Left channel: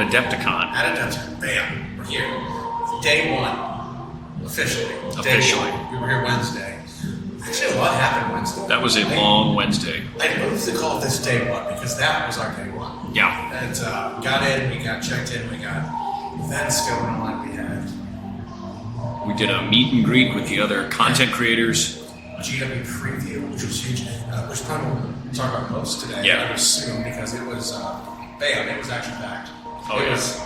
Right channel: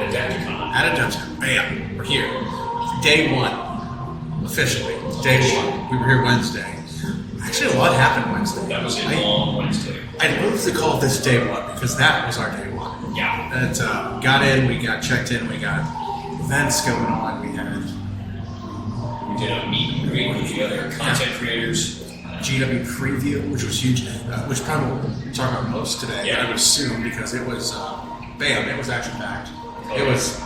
Adepticon. At Adepticon. Bam. We're here. Day one. Officially. Day one. We were here Wednesday. Actually, a lot happened Wednesday. That was a long Wednesday. I love to call this day one because that was our day one. Yeah. And got in, we got checked in, we got events going on. We did a meet and greet with the other content creators. GW Preview, which was huge, which probably we'll talk about most today. Yeah. I would assume because it was, bam, it was action packed. Oh, it was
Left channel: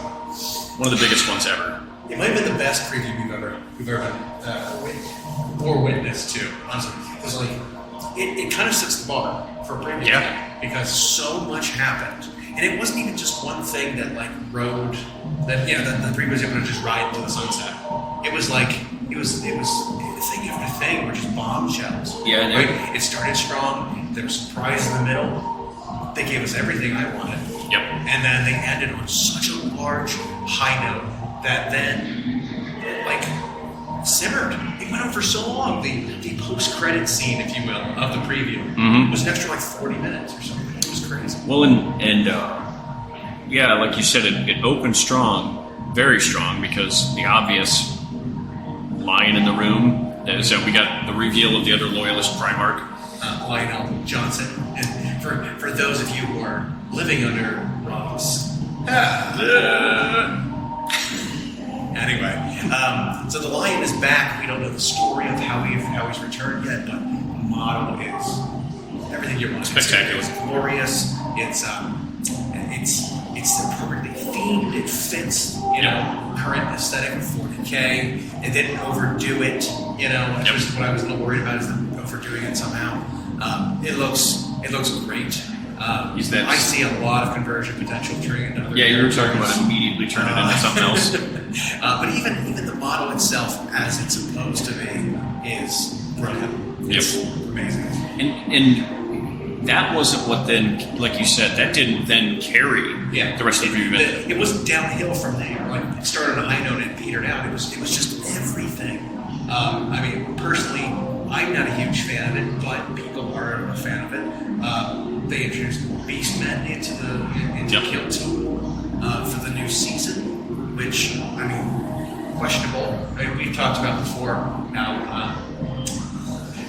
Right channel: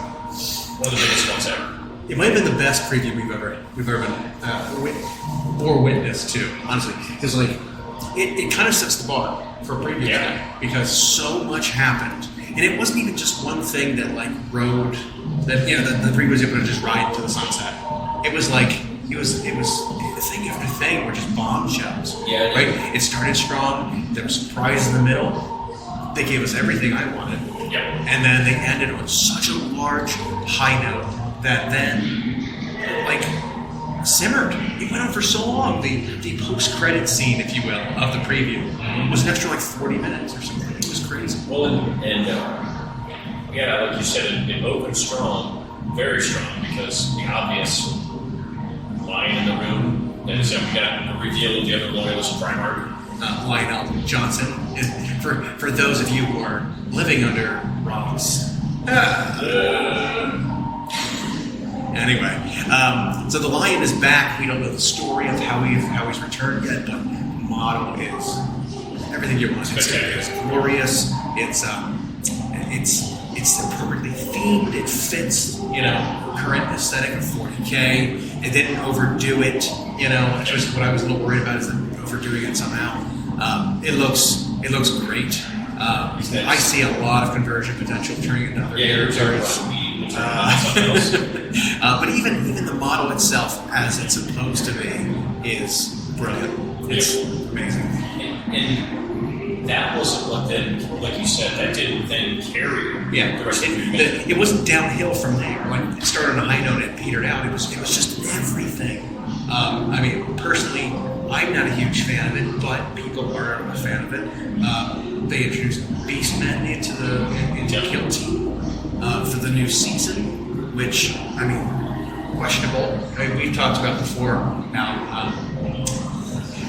one of the biggest ones ever. It might have been the best preview we've ever witnessed to, honestly, because like it kind of sets the bar for a preview, because so much happened, and it wasn't even just one thing that like rode that the preview was able to just ride into the sunset. It was like it was thing after thing were just bombshells. Yeah, right. It started strong. There was surprise in the middle. They gave us everything I wanted. Yep. And then they ended on such a large high note that then like simmered. It went on for so long. The post-credit scene, if you will, of the preview was an extra like 40 minutes or something. It was crazy. Well, and like you said, it opened strong, very strong, because the obvious lion in the room, that is that we got the reveal of the other loyalist, Primarch. Lionel Johnson. And for those of you who are living under rocks. Anyway, so the lion is back. We don't know the story of how he's returned yet, but the model is everything you want. It's glorious. It's perfectly themed. It fits, current aesthetic of 40K. It didn't overdo it, which was what I was a little worried about, is them overdoing it somehow. It looks great. I see a lot of conversion potential turning into other characters. Immediately turning into something else. But even the model itself, as it's supposed to be, is brilliant. It's amazing. And that wasn't what then, like you said, that didn't then carry the rest of the event. It wasn't downhill from there. Like it started on a high note and petered out. It was just everything. Personally, I'm not a huge fan of it, but people are a fan of it. They introduced Beastmen into Kill Team for the new season, which, questionable. We've talked about before how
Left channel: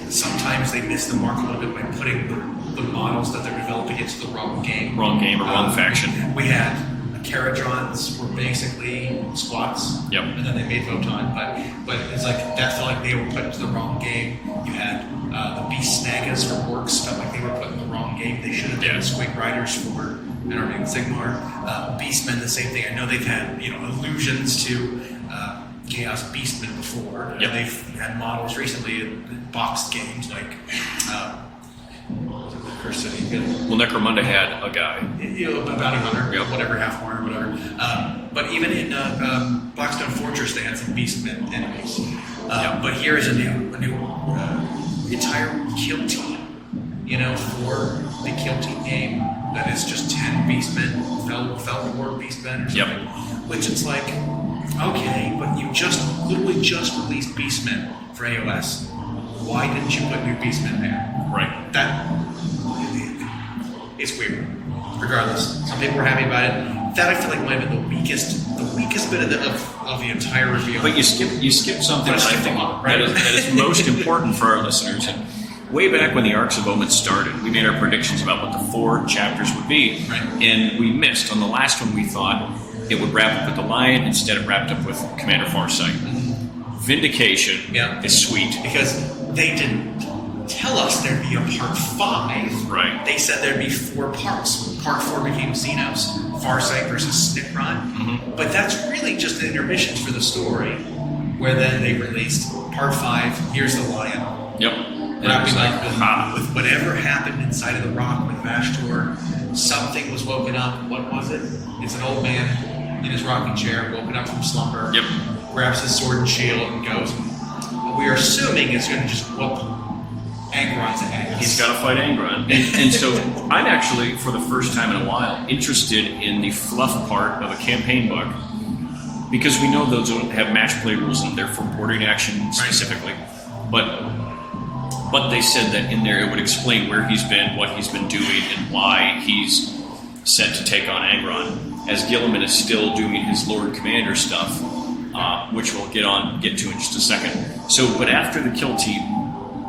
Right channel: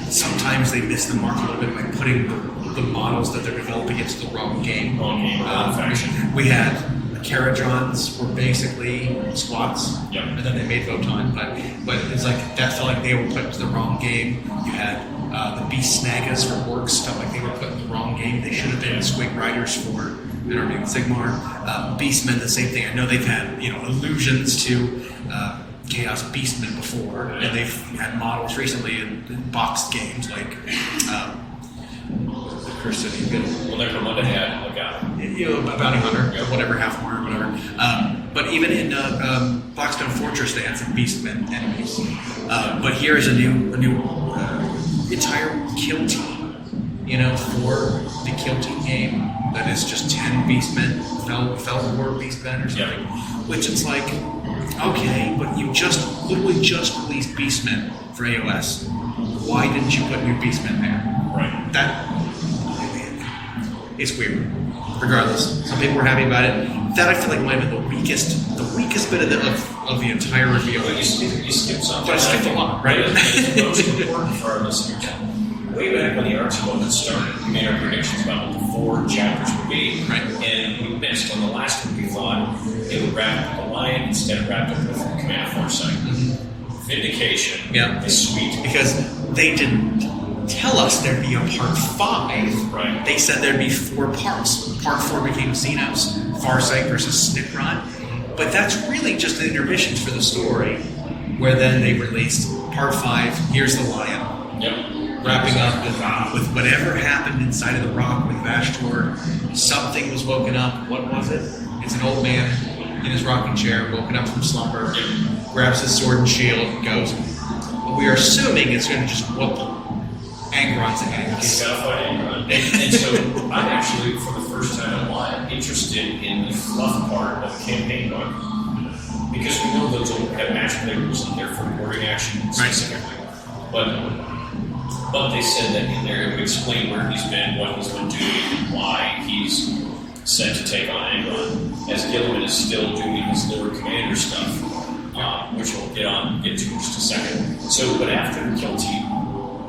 sometimes they miss the mark a little bit by putting the models that they're developing into the wrong game. Wrong faction. We had Caradrons were basically squats, and then they made Voton, but it's like that felt like they were put into the wrong game. You had the Beast Snagas for Orcs, felt like they were put in the wrong game. They should have been Swing Riders for an Army of Sigmar. Beastmen, the same thing. I know they've had allusions to Chaos Beastmen before, and they've had models recently in boxed games like Curse City. Well, Necromunda had a guy. A bounty hunter, whatever, half horn or whatever. But even in Blackstone Fortress, they had some Beastmen enemies. But here is a new entire kill team, for the kill team game that is just 10 Beastmen, Fel War Beastmen or something. Which it's like, okay, but you literally just released Beastmen for AOS. Why didn't you put new Beastmen there? Right. It's weird. Regardless, some people were happy about it. That I feel like might have been the weakest bit of the entire reveal. But you skipped something. But I skipped a lot, right? It's most important for our listeners. Way back when the Arcs of Omen started, we made our predictions about what the 4 chapters would be. Right. And we missed. On the last one, we thought it would wrap up with the Lion. Instead, it wrapped up with Commander Farsight. Vindication is sweet. Because they didn't tell us there'd be a part 5. Right. They said there'd be 4 parts. Part 4 became Xenos, Farsight versus Snikron. But that's really just the intermissions for the story, where then they released part 5, here's the Lion. Yep. Wrapping up with whatever happened inside of the rock with Vashtor. Something was woken up. What was it? It's an old man in his rocking chair, woken up from slumber, grabs his sword and shield and goes. We are assuming it's going to just whoop Angron's ass. He's got to fight Angron. And so I'm actually, for the first time in a while, interested in the fluff part of a campaign book, because we know those don't have match play rules and they're for boarding action specifically. But they said that in there it would explain where he's been, what he's been doing, and why he's set to take on Angron. as Gilliman is still doing his Lord Commander stuff, which we'll get to in just a second. So, but after the Kill Team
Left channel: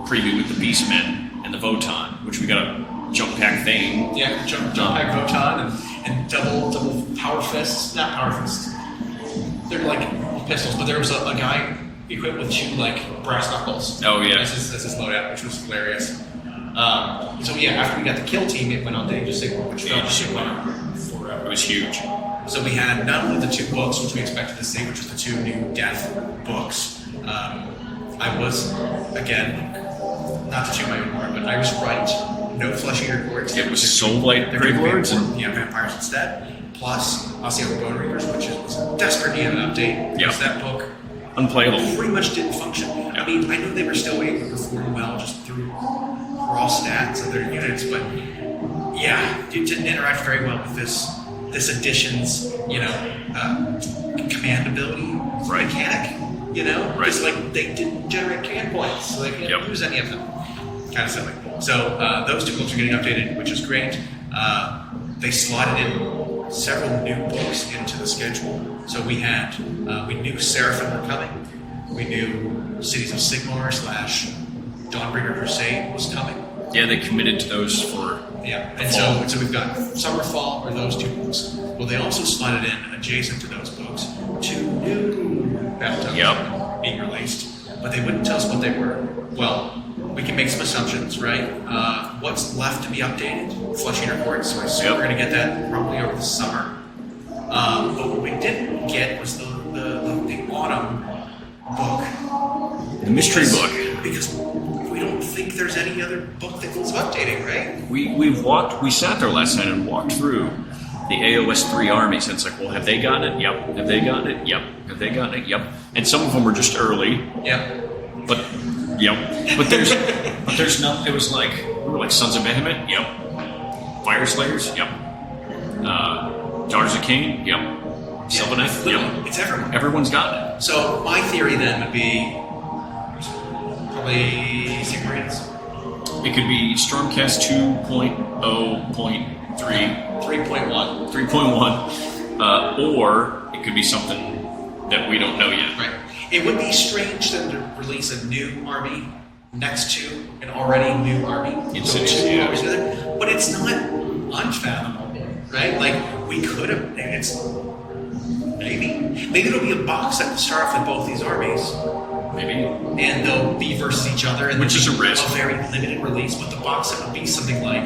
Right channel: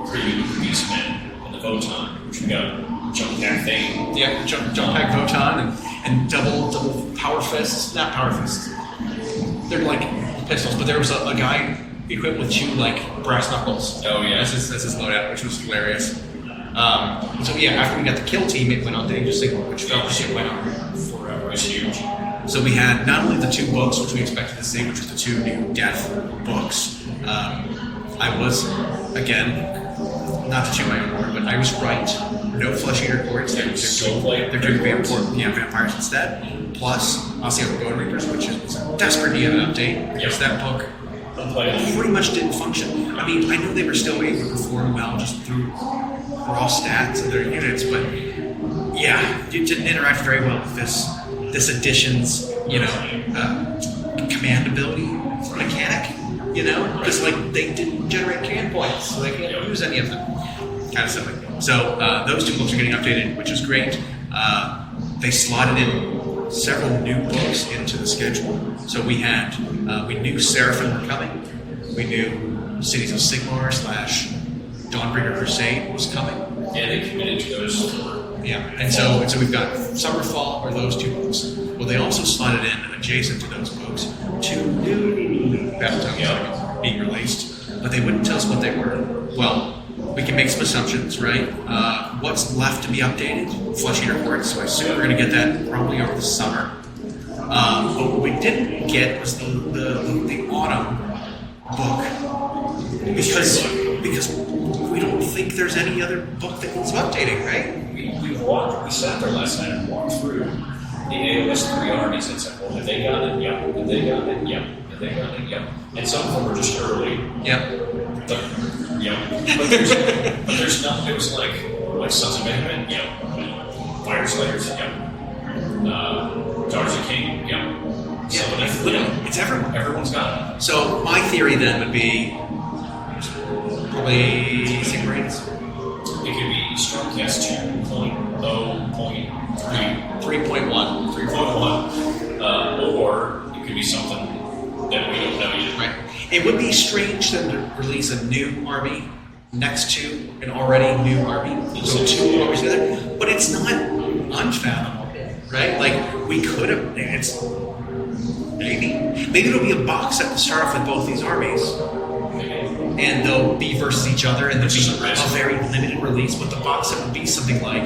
preview with the Beastmen and the Votan, which we got a jump pack thing. Yeah, jump pack Votan and double power fists. Not power fists. They're like pistols, but there was a guy equipped with 2 like brass knuckles. Oh yeah, that's his loadout, which was hilarious. So yeah, after we got the Kill Team, it went on to Age of Sigmar, which felt like it went on forever. It was huge. So we had not only the 2 books, which we expected to see, which was the 2 new Death books. I was, again, not to toot my own horn, but I was right. No flesh eater courts. Yeah, it was Soulblight. They're doing vampires instead. Plus, Osseo Bone Reapers, which is desperate to get an update because that book unplayable pretty much didn't function. I mean, I know they were still able to perform well just through raw stats of their units, but yeah, it didn't interact very well with this edition's, command ability mechanic, because like they didn't generate command points, so they can't use any of them. Kind of silly. So those 2 books are getting updated, which is great. They slotted in several new books into the schedule. So we knew Seraphim were coming. We knew Cities of Sigmar / Dawnbringer Crusade was coming. Yeah, they committed to those for... Yeah, and so we've got Summerfall, or those 2 books. Well, they also slotted in, adjacent to those books, 2 new battle tokens being released. But they wouldn't tell us what they were. Well, we can make some assumptions, right? What's left to be updated? Flesh Eater Courts, so I assume we're going to get that probably over the summer. But what we didn't get was the autumn book. The mystery book. Because we don't think there's any other book that needs updating, right? We sat there last night and walked through the AOS 3 armies, and it's like, well, have they gotten it? Yep. Have they gotten it? Yep. Have they gotten it? Yep. And some of them were just early. Yep. But there's not. It was like Sons of Behemoth. Yep. Fire Slayers. Yep. Daughters of Cain. Yep. Sylvaneth. Yep. It's everyone. Everyone's got it. So my theory then would be probably Sigmarines. It could be Stormcast 2.0.3, 3.1, 3.1, or it could be something that we don't know yet. Right. It would be strange then to release a new army next to an already new army. So 2 armies together, but it's not unfathomable, right? Like we could have. Maybe it'll be a box set to start off with both these armies. Maybe. And they'll be versus each other, and which is a very limited release. But the box set would be something like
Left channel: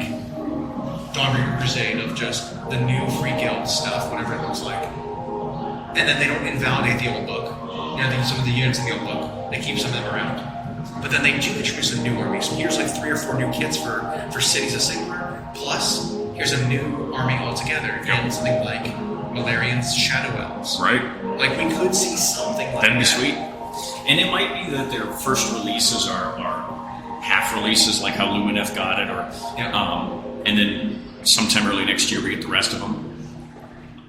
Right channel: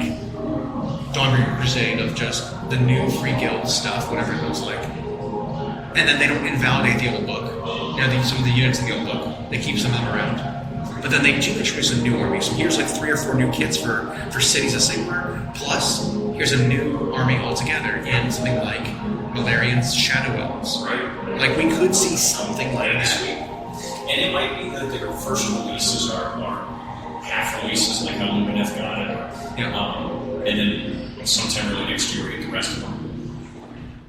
Dawnbringer Crusade of just the new free guild stuff, whatever it looks like. And then they don't invalidate the old book. Some of the units in the old book, they keep some of them around. But then they do introduce a new army. So here's like 3 or 4 new kits for Cities of Sigmar. Plus, here's a new army altogether, and something like Malarian's Shadow Elves. Right. Like we could see something like that. Sweet. And it might be that their first releases are half releases, like how Lumineth got it, and then sometime early next year we get the rest of them.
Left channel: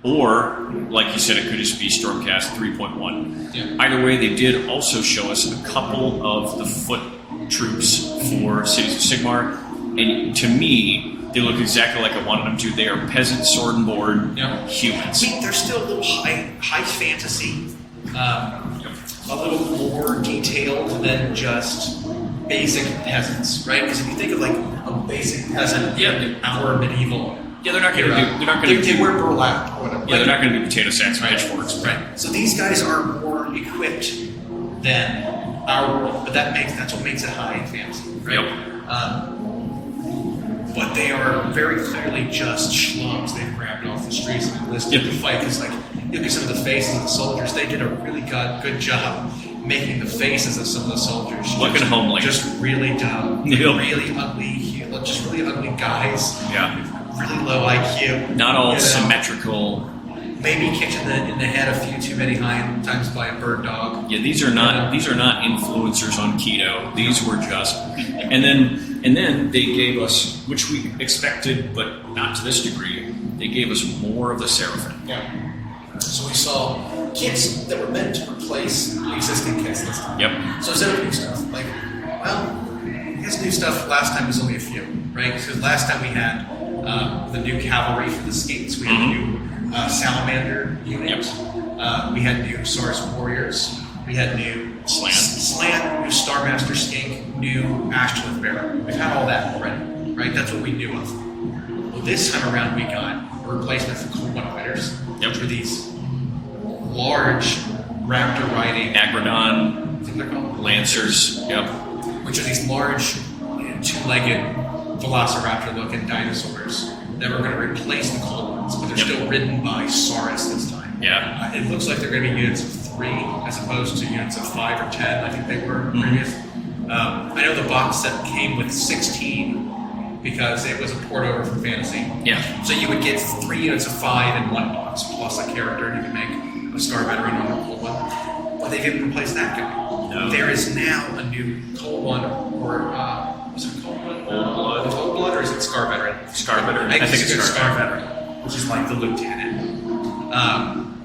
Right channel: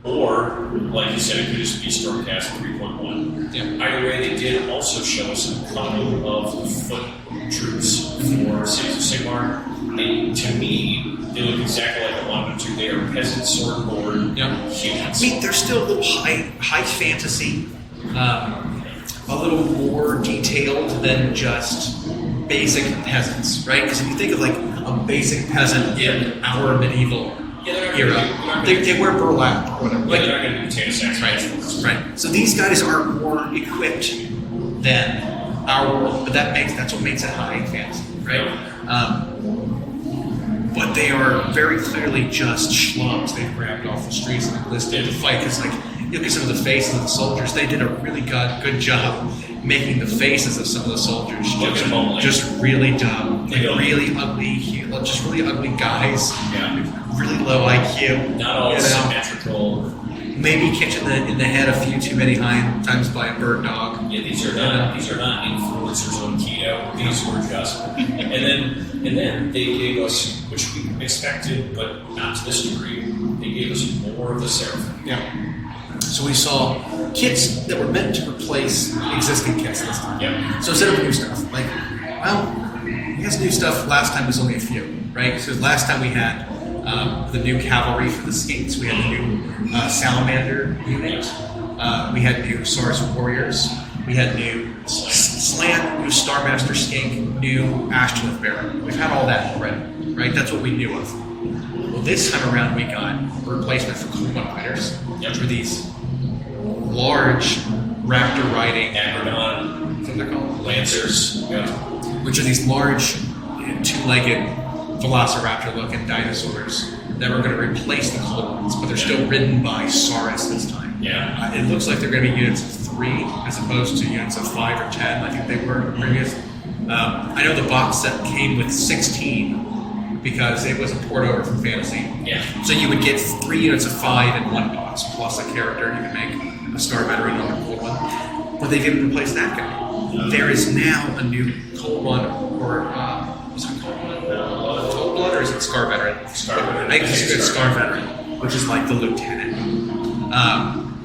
Or, like you said, it could just be Stormcast 3.1. Yeah. Either way, they did also show us a couple of the foot troops for Cities of Sigmar, and to me, they look exactly like I wanted them to. They are peasant sword and board humans. I mean, they're still a little high fantasy. A little more detailed than just basic peasants, right? Because if you think of like a basic peasant in our medieval they wear burlap or whatever. Yeah, they're not going to be potato sacks, right? So these guys are more equipped than our world, but that's what makes it high fantasy, right? But they are very clearly just schlubs they grabbed off the streets and enlisted to fight. Because like look at some of the faces of the soldiers, they did a really good job making the faces of some of the soldiers just really dumb, really ugly, just really ugly guys. Yeah. Really low IQ. Not all symmetrical. Maybe kicked in the head a few too many times by a bird dog. Yeah, these are not influencers on keto. These were just, and then they gave us, which we expected, but not to this degree. They gave us more of the Seraphim. Yeah. So we saw kits that were meant to replace existing kits this time. Yep. So instead of new stuff, I guess new stuff last time was only a few, right? Because last time we had the new cavalry for the skates. We had the new salamander unit. We had new Saurus warriors. We had new Slant, new Starmaster skink, new Ashtoreth bearer. We've had all that already, right? That's what we knew of. Well, this time around, we got a replacement for Cool One Fighters, which were these large raptor riding Agrodon, what's they're called? Lancers, Which are these large, two-legged velociraptor-looking dinosaurs that were going to replace the cold ones, but they're still ridden by Saurus this time. Yeah. It looks like they're going to be units of 3 as opposed to units of 5 or 10. I think they were previous. I know the box set came with 16 because it was a port over from Fantasy. Yeah. So you would get 3 units of 5 in one box plus a character. You could make a Star Veteran on a cold one, but they didn't replace that guy. No. There is now a new cold one, or is it cold one? Cold blood, or is it Scar Veteran? Scar Veteran. I think it's a Scar Veteran, which is like the lieutenant,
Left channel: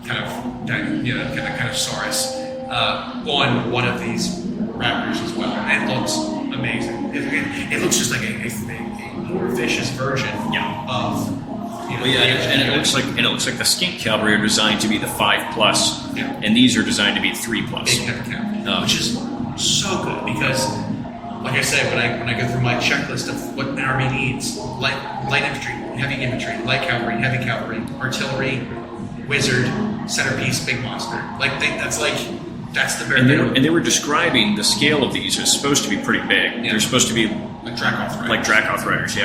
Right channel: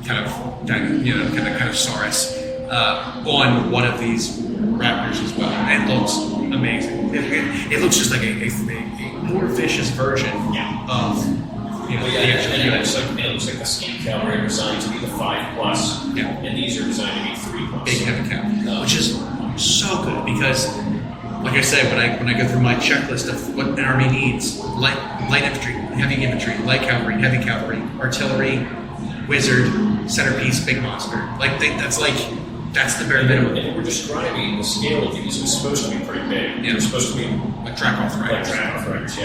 kind of Saurus on one of these raptors as well, and it looks amazing. It looks just like a more vicious version of. And it looks like the skink cavalry are designed to be the 5+, and these are designed to be 3+. Big heavy cap, which is so good because, like I said, when I go through my checklist of what an army needs, light infantry, heavy infantry, light cavalry, heavy cavalry, artillery, wizard, centerpiece, big monster. That's the bare minimum. And they were describing the scale of these is supposed to be pretty big. Yeah. They're supposed to be like Dracoth Riders,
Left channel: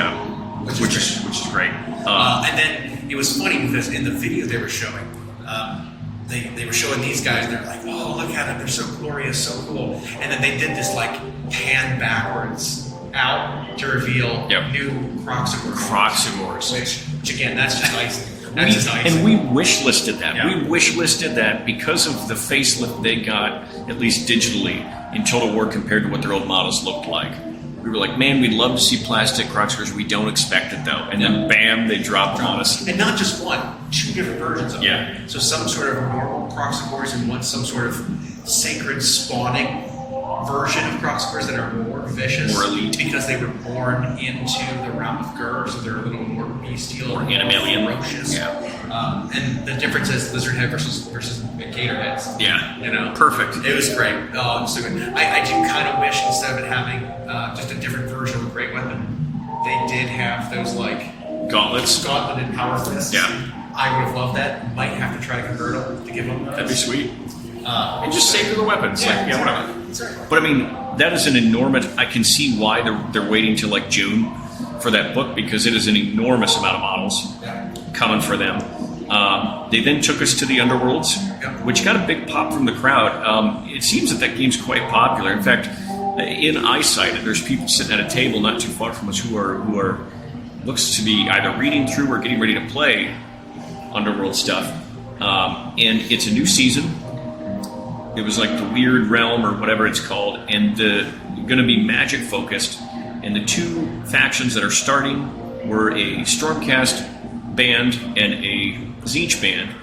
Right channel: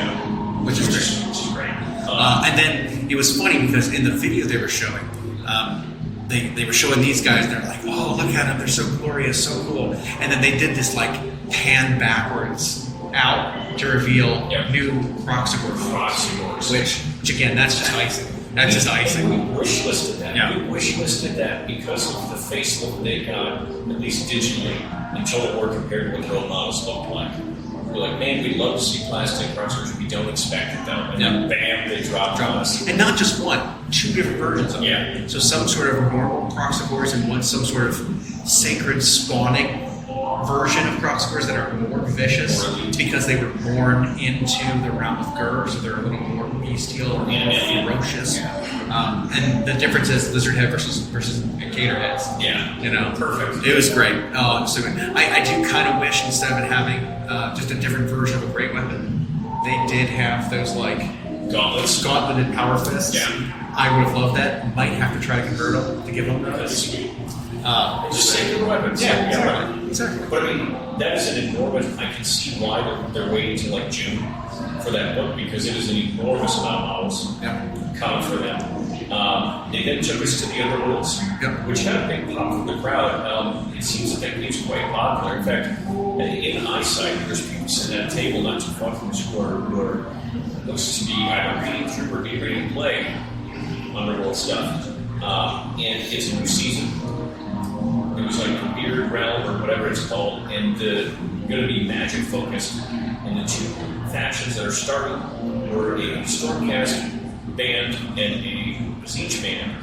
which is great. And then it was funny because in the video they were showing, they were showing these guys, and they're like, "Oh, look at them! They're so glorious, so cool!" And then they did this like pan backwards out to reveal new Croxagors, which again, that's just icing. That's just icing. And we wishlisted that. Yeah. We wishlisted that because of the facelift they got, at least digitally, in Total War compared to what their old models looked like. We were like, man, we'd love to see plastic Croxagors. We don't expect it though. And then bam, they dropped on us. And not just one, 2 different versions of them. Yeah. So some sort of normal Croxagors and some sort of sacred spawning version of Croxagors that are more vicious, more elite, because they were born into the realm of Gur, so they're a little more bestial or ferocious. Yeah. And the difference is lizard head versus gator heads. Yeah. Perfect. It was great. Oh, so good. I do kind of wish instead of it having just a different version of a great weapon, they did have those like gauntleted power fists. Yeah. I would have loved that. Might have to try to convert them to give them those. That'd be sweet. And just save the weapons. Exactly. But I mean, that is an enormous. I can see why they're waiting till like June for that book, because it is an enormous amount of models coming for them. They then took us to the Underworlds, which got a big pop from the crowd. It seems that game's quite popular. In fact, in Eyesight, there's people sitting at a table not too far from us who are looks to be either reading through or getting ready to play Underworld stuff. And it's a new season. It was like the Weird Realm or whatever it's called, and going to be magic focused. And the 2 factions that are starting were a Stormcast band and a Tzeentch band.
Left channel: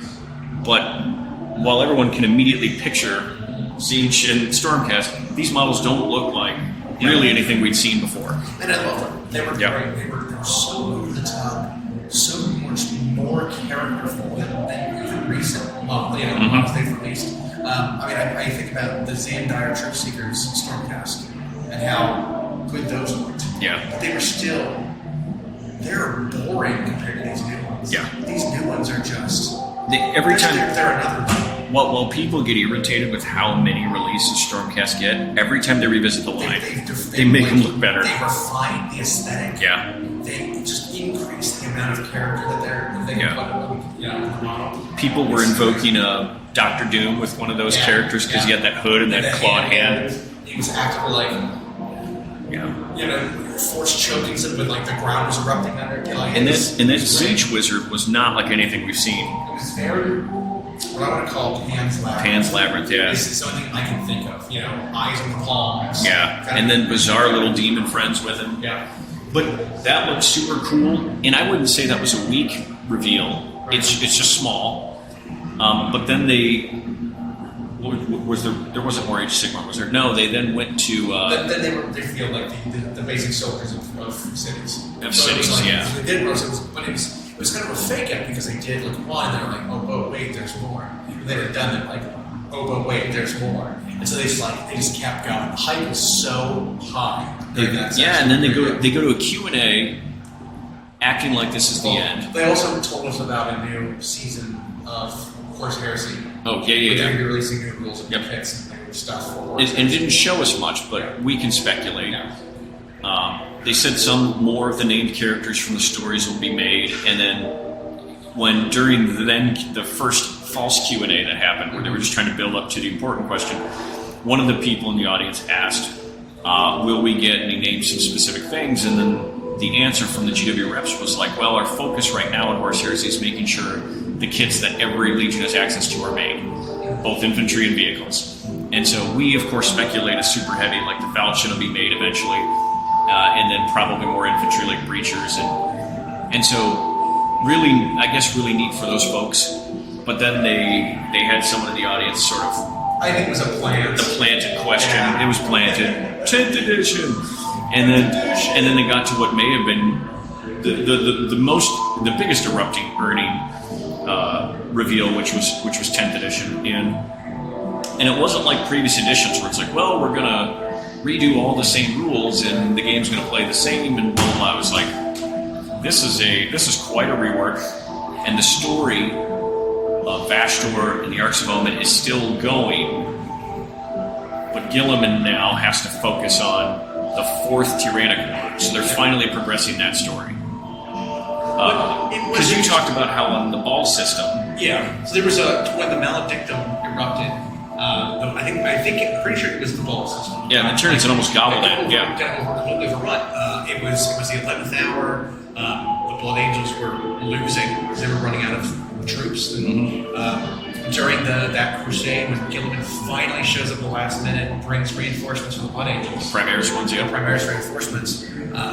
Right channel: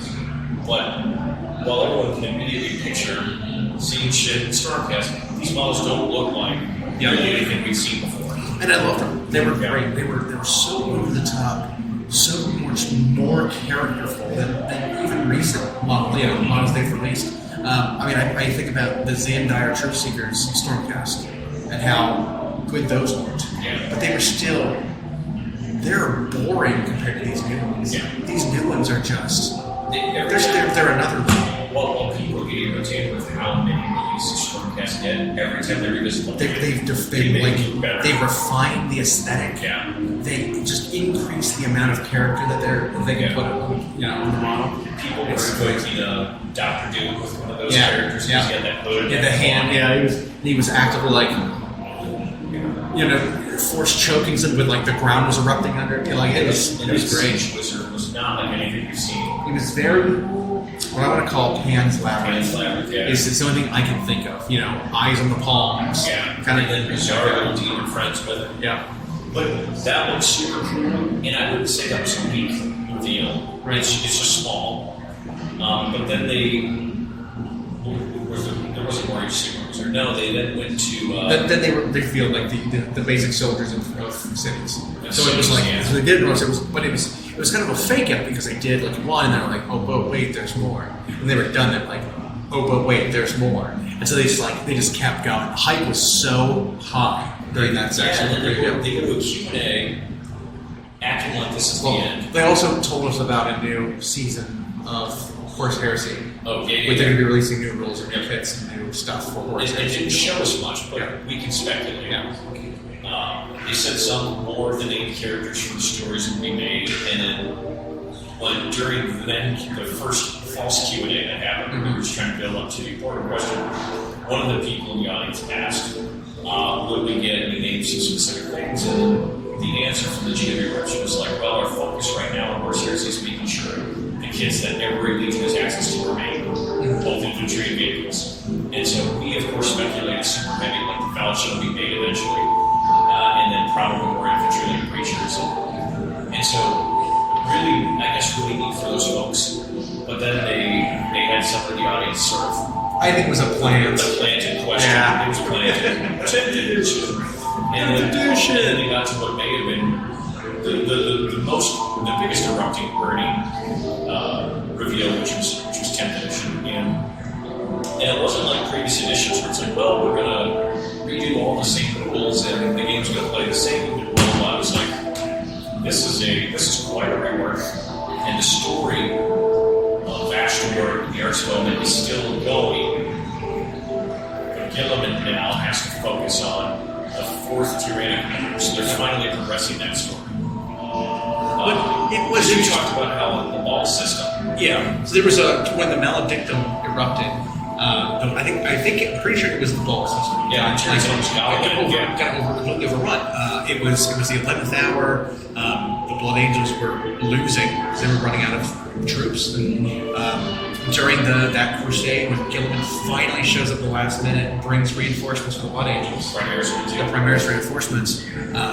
But while everyone can immediately picture Tzeentch and Stormcast, these models don't look like really anything we've seen before. And I love them. They were great. They were so over the top, so much more characterful than even recent models they've released. I think about the Xandire Troop Seekers Stormcast and how good those looked. Yeah. But they were still, they're boring compared to these new ones. Yeah. These new ones are just, They're another level. While people get irritated with how many releases Stormcast get, every time they revisit the line, they make them look better. They refine the aesthetic. Yeah. They just increase the amount of character that they can put in the model. People were invoking Dr. Doom with one of those characters because he had that hood and that claw. He was actively like, force choking something with like the ground was erupting under it. And this Tzeentch wizard was not like anything we've seen. He was very, what I want to call Pan's Labyrinth. It's the only thing I can think of. Eyes on the palms. Yeah. And then bizarre little demon friends with him. Yeah. But that looks super cool, and I wouldn't say that was a weak reveal. Right. It's just small. But then There wasn't more Age of Sigmar, was there? No, they then went to. Then they revealed like the basic soldiers of cities. Yeah, So it was like yeah. so they did most. It was kind of a fake out because they did like one, and they were like, oh, but wait, there's more. And they were done it like, oh, but wait, there's more. And so they just kept going. The hype was so high during that section. Yeah, and then they go to a Q&A, acting like this is the end. They also told us about a new season of Horse Heresy. Oh, yeah. Where they're releasing new rules and new kits and new stuff for Horse It didn't show us much, but we can speculate. Yeah. They said some more of the named characters from the stories will be made, and then during the first false Q&A that happened, where they were just trying to build up to the important question, one of the people in the audience asked, will we get any names of specific things? And then the answer from the GW reps was like, well, our focus right now in Horse Heresy is making sure the kits that every Legion has access to are made, both infantry and vehicles. And so we, of course, speculated super heavy, like the Falchion will be made eventually, and then probably more infantry like Breachers. And so really, I guess really neat for those folks. But then they had some of the audience sort of... I think it was a plan. The planted question. Yeah. It was planted. 10th edition. And then they got to what may have been the biggest erupting Ernie reveal, which was 10th edition. And it wasn't like previous editions where it's like, well, we're gonna redo all the same rules and the game's gonna play the same. And I was like, this is quite a rework, and the story of Ashtor and the Arts of Omen is still going, but Gilliman now has to focus on the 4th Tyrannical War, so they're finally progressing that story. But it was you talked about how on the ball system. Yeah. So there was when the Maledictum erupted. I'm pretty sure it was the ball system. Yeah, it almost got completely overrun. It was the 11th hour. The Blood Angels were losing because they were running out of troops. And during that crusade, when Gilliman finally shows up at the last minute and brings reinforcements for the Blood Angels, Primaris reinforcements,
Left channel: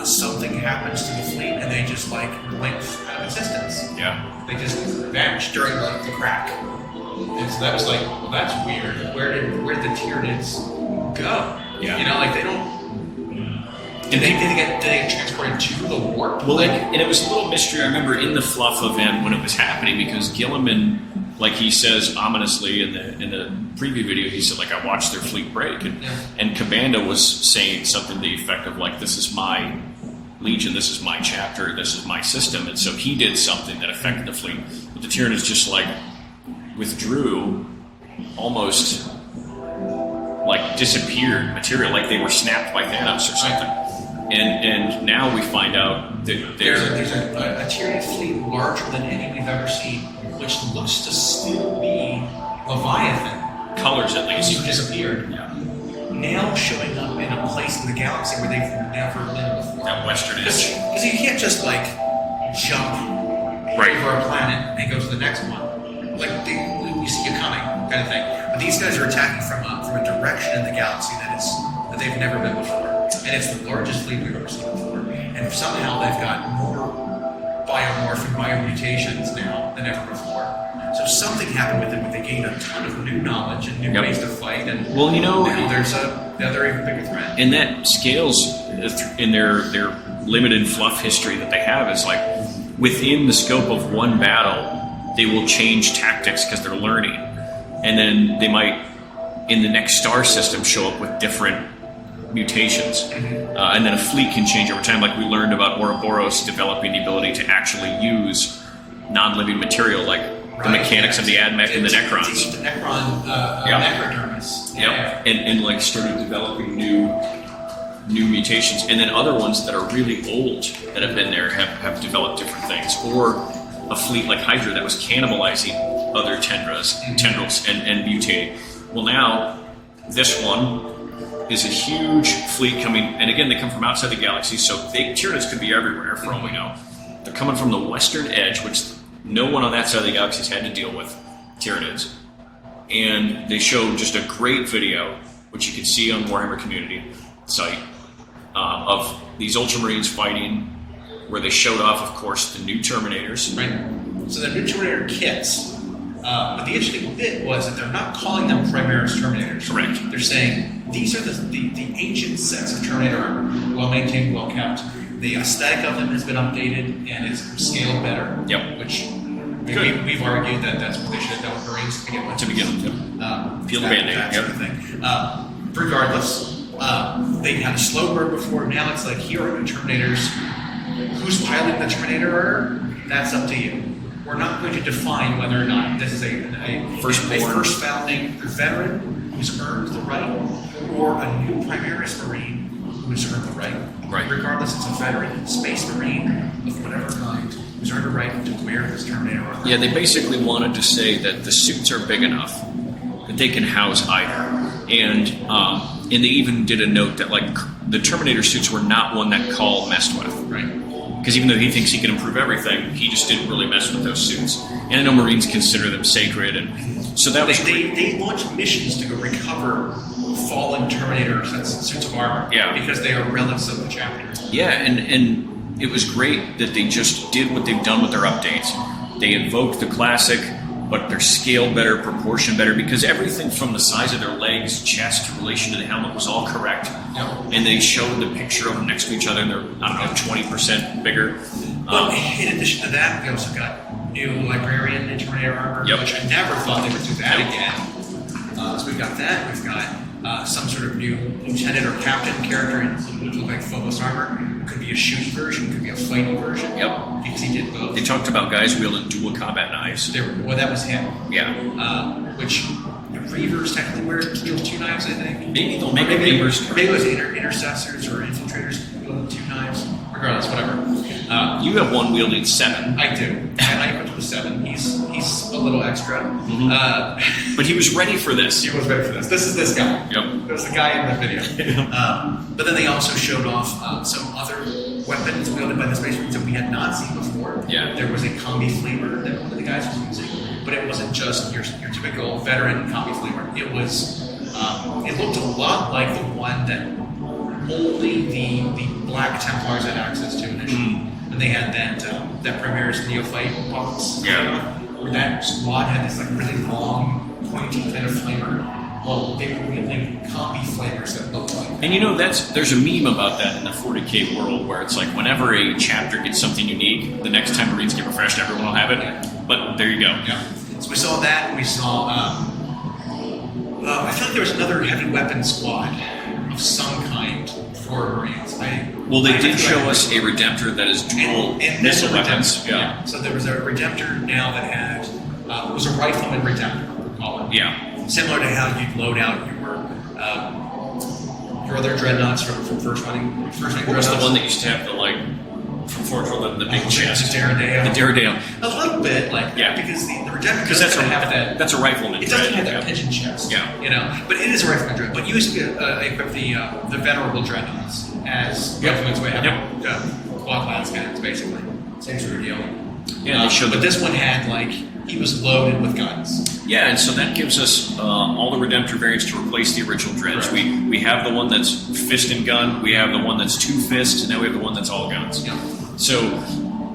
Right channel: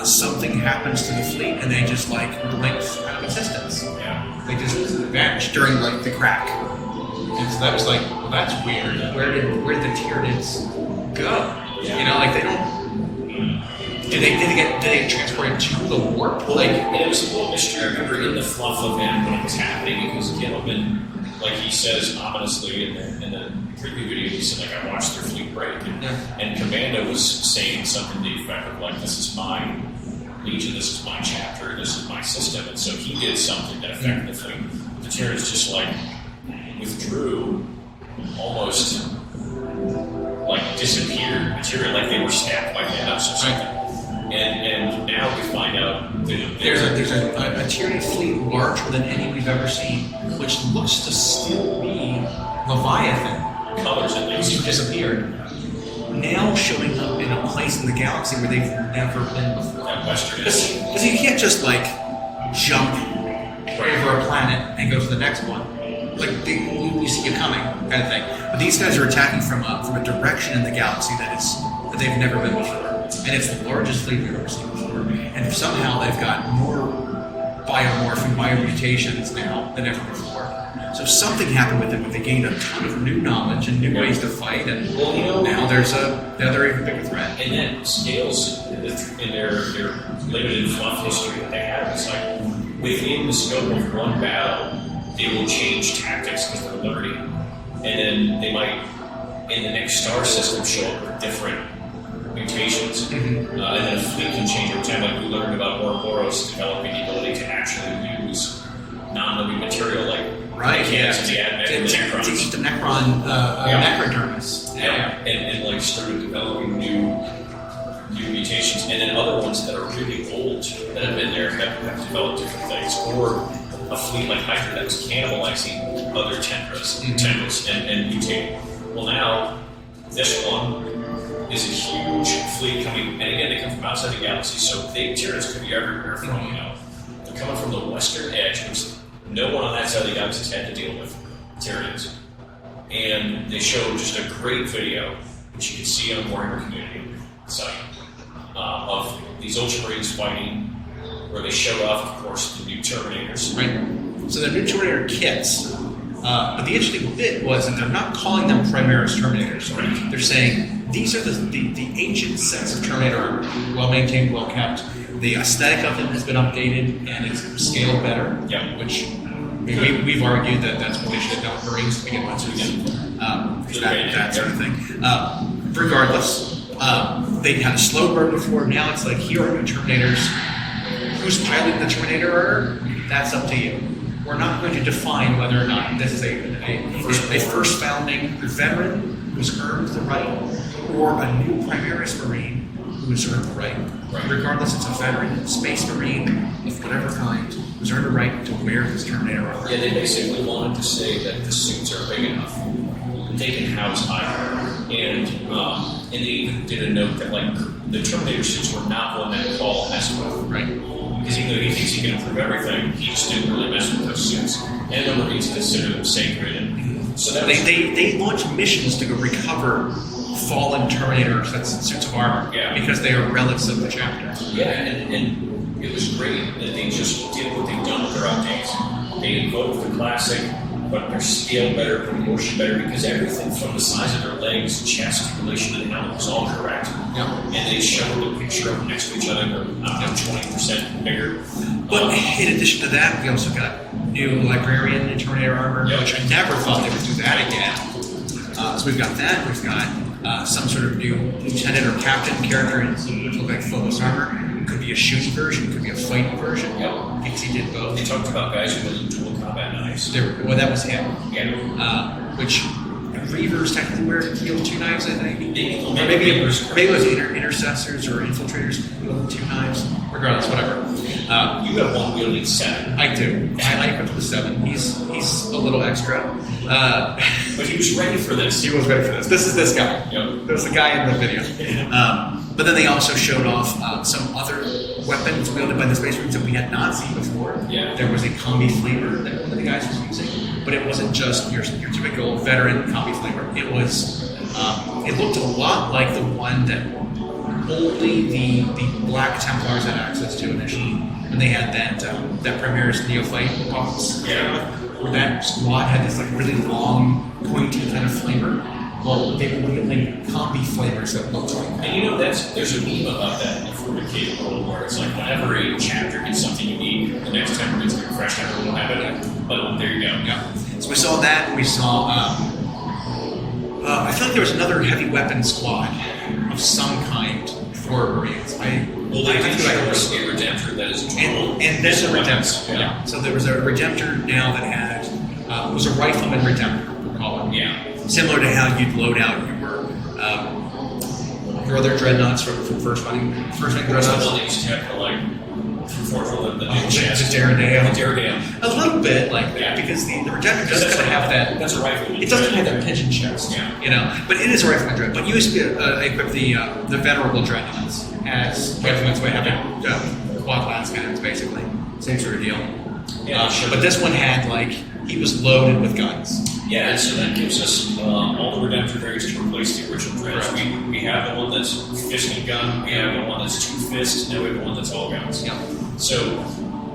something happens to the fleet and they just like blink out of existence. Yeah, they just vanished during like the crack. And so that was like, well, that's weird. Where did the Tyranids go? Yeah. You know, like they don't. Did they get transported to the warp? Well, and it was a little mystery. I remember in the fluff event when it was happening, because Gilliman, like he says ominously in the preview video, he said like, I watched their fleet break, and Commando was saying something to the effect of like, this is my Legion, this is my chapter, this is my system, and so he did something that affected the fleet. But the Tyranids just like withdrew, almost like disappeared material, like they were snapped by Thanos or something. And now we find out that there's a Tyranid fleet larger than any we've ever seen, which looks to still be Leviathan. Colors at least. Who disappeared. Now showing up in a place in the galaxy where they've never been before. That Western Because you can't just like jump over a planet and go to the next one. Like we see you coming, kind of thing. But these guys are attacking from a direction in the galaxy that they've never been before, and it's the largest fleet we've ever seen before. And somehow they've got more biomorph and biomutations now than ever before. So something happened with them, but they gained a ton of new knowledge and new ways to fight. And now there's another even bigger threat. And that scales in their limited fluff history that they have. Is like within the scope of one battle, they will change tactics because they're learning, and then they might, in the next star system, show up with different mutations, and then a fleet can change over time. Like we learned about Ouroboros developing the ability to actually use non-living material, like the mechanics of the Admech and the Necrons. The Necron, Necrodermis. Yeah, and like started developing new mutations, and then other ones that are really old that have been there have developed different things, or a fleet like Hydra that was cannibalizing other tendrils and mutating. Well, now this one is a huge fleet coming, and again, they come from outside the galaxy, so Tyranids could be everywhere for all we know. They're coming from the western edge, which no one on that side of the galaxy has had to deal with Tyranids. And they show just a great video, which you can see on the Warhammer community site, of these Ultramarines fighting, where they showed off, of course, the new Terminators. Right. So the new Terminator kits, But the interesting bit was that they're not calling them Primaris Terminators. Correct. They're saying these are the ancient sets of Terminator armor, well maintained, well kept. The aesthetic of them has been updated and it's scaled better. Yep. Which we've argued that that's what they should have done with Marines to begin with. That sort of thing. Regardless, they had a slow burn before. Now it's like, here are the Terminators. Who's piloting the Terminator order? That's up to you. We're not going to define whether or not this is a first founding veteran who's earned the right, or a new Primaris Marine who's earned the right. Regardless, it's a veteran Space Marine of whatever kind who's earned a right to wear this Terminator armor. Yeah, they basically wanted to say that the suits are big enough that they can house either, and they even did a note that like the Terminator suits were not one that Call messed with, Right. Because even though he thinks he can improve everything, he just didn't really mess with those suits. And I know Marines consider them sacred, and so that was they launch missions to go recover fallen Terminator suits of armor. Yeah. Because they are relics of the chapter. Yeah, and it was great that they just did what they've done with their updates. They invoked the classic, but they're scaled better, proportioned better, because everything from the size of their legs, chest, relation to the helmet was all correct. Yep. And they showed the picture of them next to each other, and they're, 20% bigger. But in addition to that, we also got new Librarian and Terminator armor, Yep. which I never thought they would do that again. So we've got that. We've got some sort of new lieutenant or captain character in what would look like Phobos armor. Could be a shooting version, could be a fighting version. Yep. Because he did both. They talked about guys wielding dual combat knives. Well, that was him. Yeah. Which Reavers technically wear two knives, I think. Maybe Maybe it was intercessors or infiltrators wielding two knives. Regardless, whatever. You have one wielding 7. I do. I equipped with 7. He's a little extra. Mm-hmm. But he was ready for this. He was ready for this. This is this guy. Yep. There's the guy in the video. But then they also showed off some other weapons wielded by the Space Marines that we had not seen before. Yeah. There was a combi flamer that one of the guys was using, but it wasn't just your typical veteran combi flamer. It was. It looked a lot like the one that only the Black Templars had access to initially, and they had that Primaris Neophyte box. Yeah. Where that squad had this like really long, pointy kind of flamer. Well, they were wielding combi flamers that looked like that. And you know, there's a meme about that in the 40k world where it's like whenever a chapter gets something unique, the next time Marines get refreshed, everyone will have it. Yeah. But there you go. Yeah. So we saw that, and we saw. I feel like there was another heavy weapon squad of some kind for Marines. They did show us a Redemptor that is dual. And there's a Redemptor. Yeah. So there was a Redemptor now that had was a rifleman Redemptor, we'll call it. Yeah. Similar to how you'd load out your other dreadnoughts from first running What was the dreadnoughts. one that used to have the like from Fort Worth, the big chest? The Daredale. The Daredale. A little bit like that, Yeah. because the Redemptor doesn't kind of have that. That's a rifleman. It doesn't have that pigeon chest, Yeah. But it is a rifleman dread. But you used to equip the venerable dreadnoughts as regiments would have quad lance cannons, basically. Same sort of deal. Yeah, but this one had he was loaded with guns. Yeah, and so that gives us all the Redemptor variants to replace the original dreads. We have the one that's fist and gun, we have the one that's 2 fists, and now we have the one that's all guns. Yeah. So,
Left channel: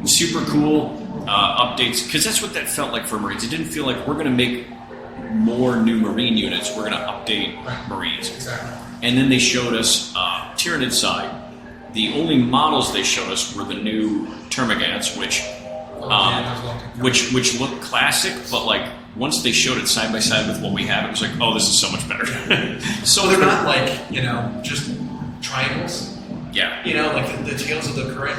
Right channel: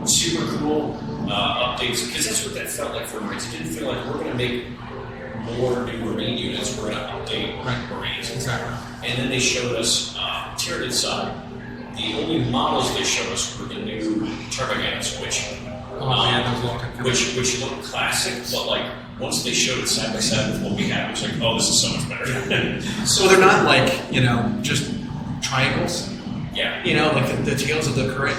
super cool updates, because that's what that felt like for Marines. It didn't feel like we're going to make more new Marine units, we're going to update Marines. Exactly. And then they showed us Tyranid side. The only models they showed us were the new Termagants, which looked classic, but like once they showed it side by side with what we had, it was like, oh, this is so much better. So they're not just triangles. Yeah. Like the tails of the current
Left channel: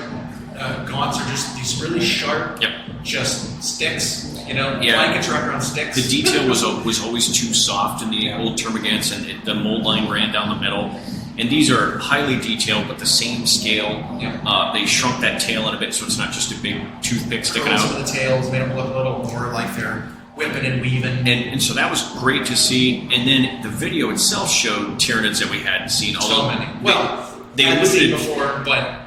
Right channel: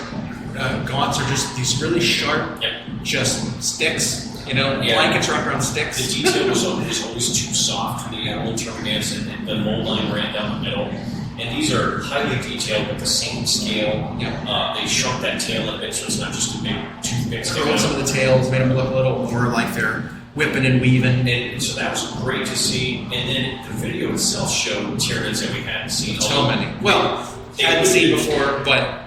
gaunts are just these really sharp, just sticks. Blankets wrapped around sticks. The detail was always too soft in the old Termagants, and the mold line ran down the middle. And these are highly detailed, but the same scale. Yeah. They shrunk that tail in a bit, so it's not just a big toothpick sticking Curled out. some of the tails, made them look a little more like they're whipping and weaving. And so that was great to see. And then the video itself showed Tyranids that we hadn't seen. So many. Well, they hadn't seen before, but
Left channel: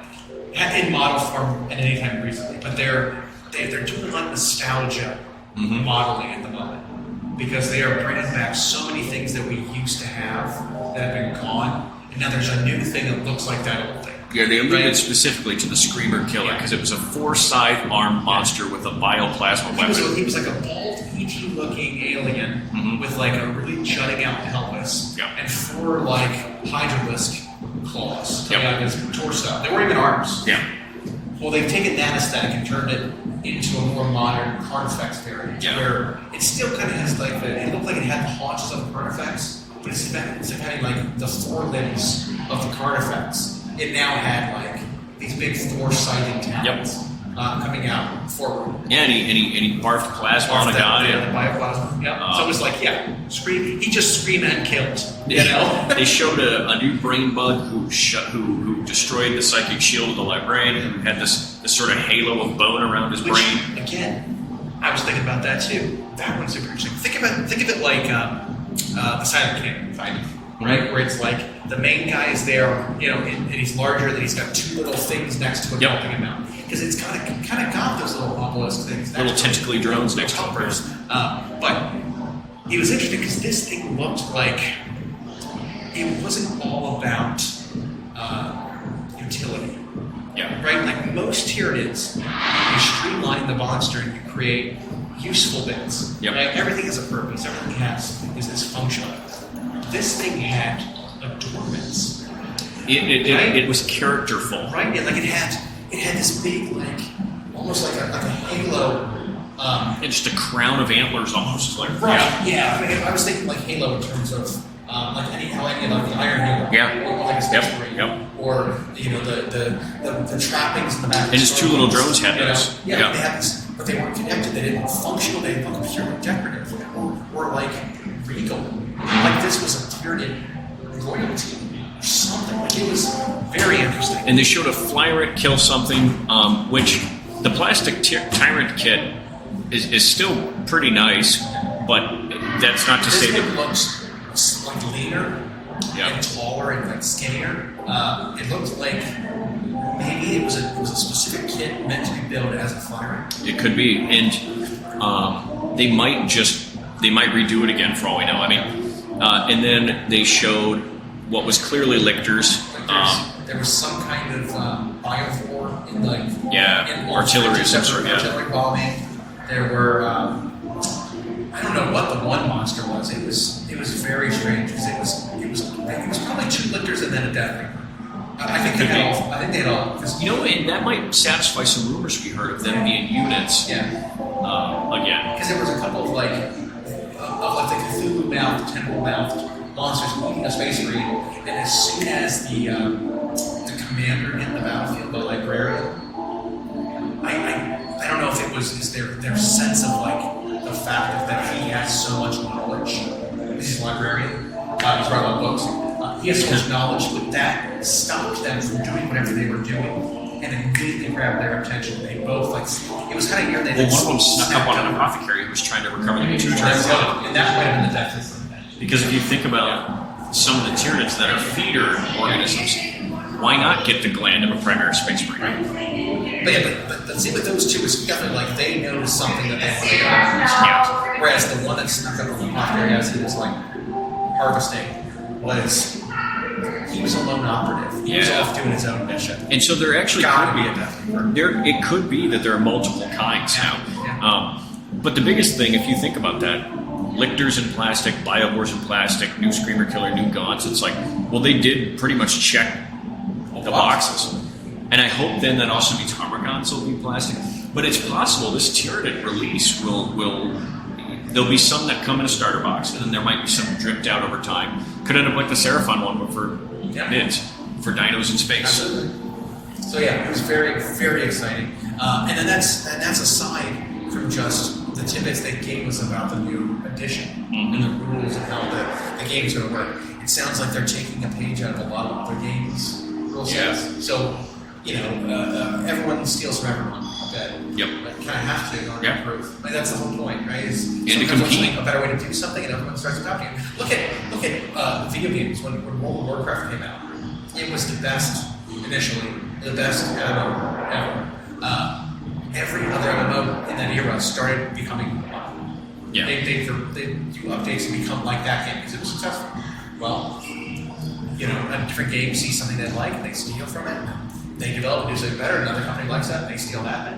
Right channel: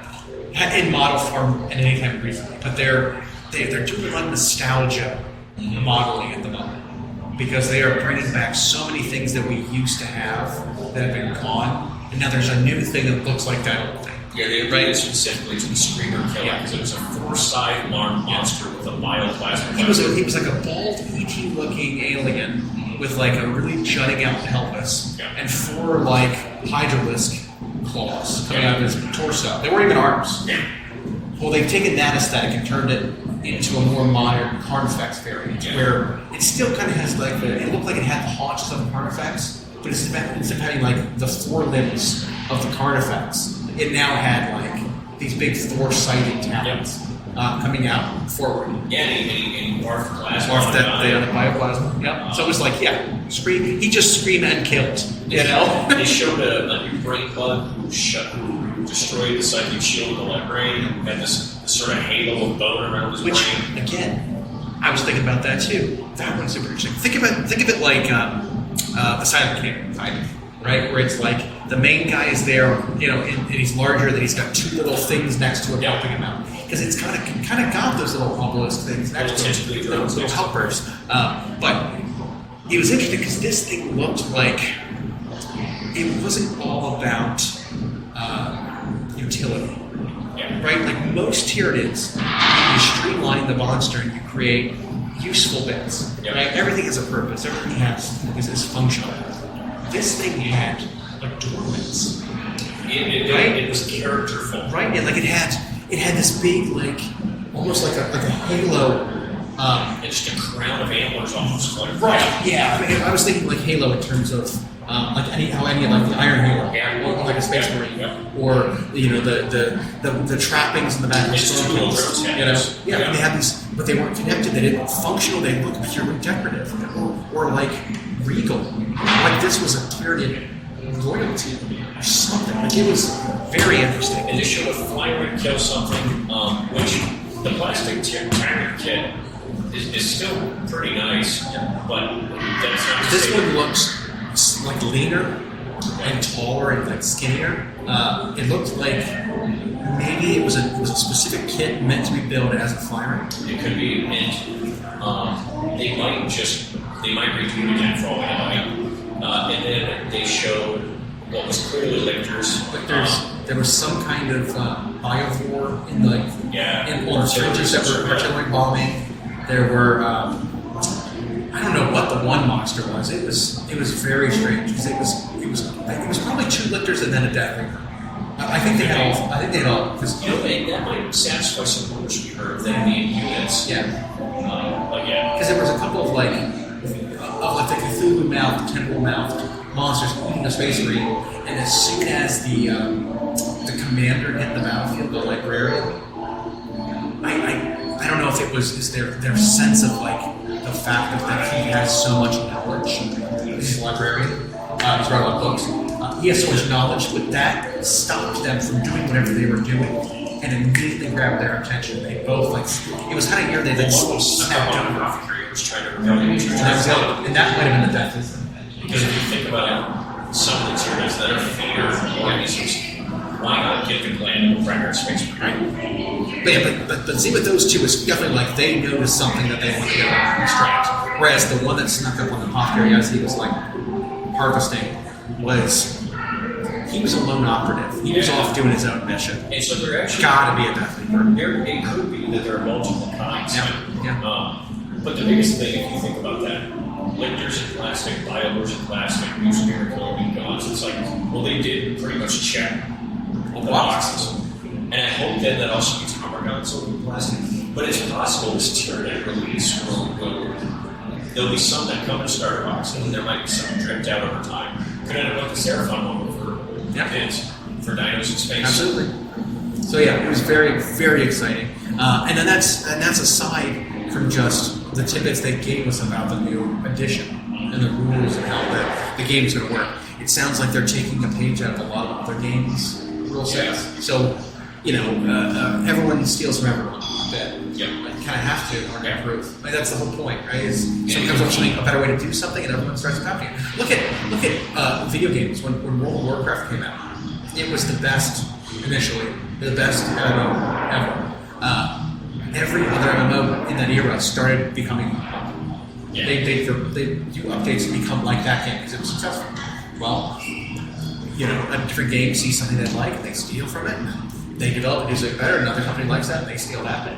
in model form and anytime recently. But they're doing a lot of nostalgia modeling at the moment, because they are bringing back so many things that we used to have that have been gone. And now there's a new thing that looks like that old thing. Yeah, they updated it specifically to the Screamer Killer because it was a 4-side armed monster with a bioplasma weapon. He was like a bald, ET looking alien with like a really jutting out pelvis and 4 like hydralisk claws coming out of his torso. They weren't even arms. Yeah. Well, they've taken that aesthetic and turned it into a more modern Carnifex variant, where it still kind of has like it looked like it had the haunches of the Carnifex, but instead of having like the 4 limbs of the Carnifex, it now had like these big 4-sided talons coming out forward. Yeah, and he barfed plasma. Barfed the bioplasma. Yeah. So it was like, scream. He just screamed and killed. You know. They showed a new brain bug who destroyed the psychic shield of the librarian and had this sort of halo of bone around his brain. Again, I was thinking about that too. That one's super interesting. Think of it like the Silent King, right? Where it's like the main guy is there, and he's larger. Then he's got 2 little things next to him helping him out because it's kind of got those little obelisk things, little tentacly drones, little helpers. But it was interesting because this thing looked like it wasn't all about utility. Yeah. Right? Like most Tyranids, you streamline the monster and you create useful bits. Yep. Right? Everything has a purpose. Everything is functional. This thing had adornments. It was characterful. Right? Yeah, like it had this big, like almost like a halo. It's just a crown of antlers, almost like Yeah. I mean, I was thinking like halo in terms of like how any of the Iron Halo, or like a Space Marine, or the trappings in the back. It's 2 little drones had those. They had these, but they weren't connected. They didn't look functional. They looked purely decorative, or like regal. Like this was a Tyranid royalty or something. Like it was very interesting. And they showed a Flyrant kill something, which the plastic Tyrant kit is still pretty nice, but that's not to say this one looks like leaner and taller and like skinnier. It looked like maybe it was a specific kit meant to be built as a Flyrant. It could be, and they might redo it again for all we know. I mean, and then they showed what was clearly lictors. There was some kind of biovore in artillery bombing. There were I don't know what the one monster was. It was very strange because it was probably 2 lictors and then a death ringer. I think they had all. Because that might satisfy some rumors we heard of them being units. Yeah. Again, because there was a couple of like the Cthulhu-mouthed, tentacle-mouthed monsters eating a Space Marine, and as soon as the commander hit the battlefield, the librarian, I don't know if it was their sense of like the fact that he has so much knowledge. He's a librarian. He's writing a lot of books. He has so much knowledge, but that stopped them from doing whatever they were doing, and immediately grabbed their attention. They both it was kind of near they one snuck up on an apothecary and was trying to recover the and that might have been the death system. Because if you think about some of the Tyranids that are feeder organisms, why not get the gland of a primary Space Marine? But see, with those 2, it's definitely like they noticed something that they wanted to get. Whereas the one that snuck up on the apothecary as he was like harvesting he was a lone operative. He was off doing his own mission. And so there actually gotta be a death reaper. It could be that there are multiple kinds now. But the biggest thing, if you think about that, lictors in plastic, biovores in plastic, new Screamer Killer, new Gods, it's like, well, they did pretty much check the boxes. And I hope then that also means armor guns will be plastic. But it's possible this Tyranid release will there'll be some that come in a starter box, and then there might be some dripped out over time. Could end up like the Seraphon one for bids, for dinos in space. Absolutely. So it was very, very exciting. And then that's aside from just the tidbits they gave us about the new edition and the rules and how the game's going to work. It sounds like they're taking a page out of a lot of other games' rule sets. So, everyone steals from everyone a bit. Yep. You kind of have to in order to improve. Like, that's the whole point, right? Is sometimes there's a better way to do something, and everyone starts adopting it. Look at video games. When World of Warcraft came out, it was the best initially, the best MMO ever. Every other MMO in that era started becoming. They do updates and become like that game because it was successful. Well, a different game sees something they like, and they steal from it, and they develop and do it better, another company likes that, they steal that.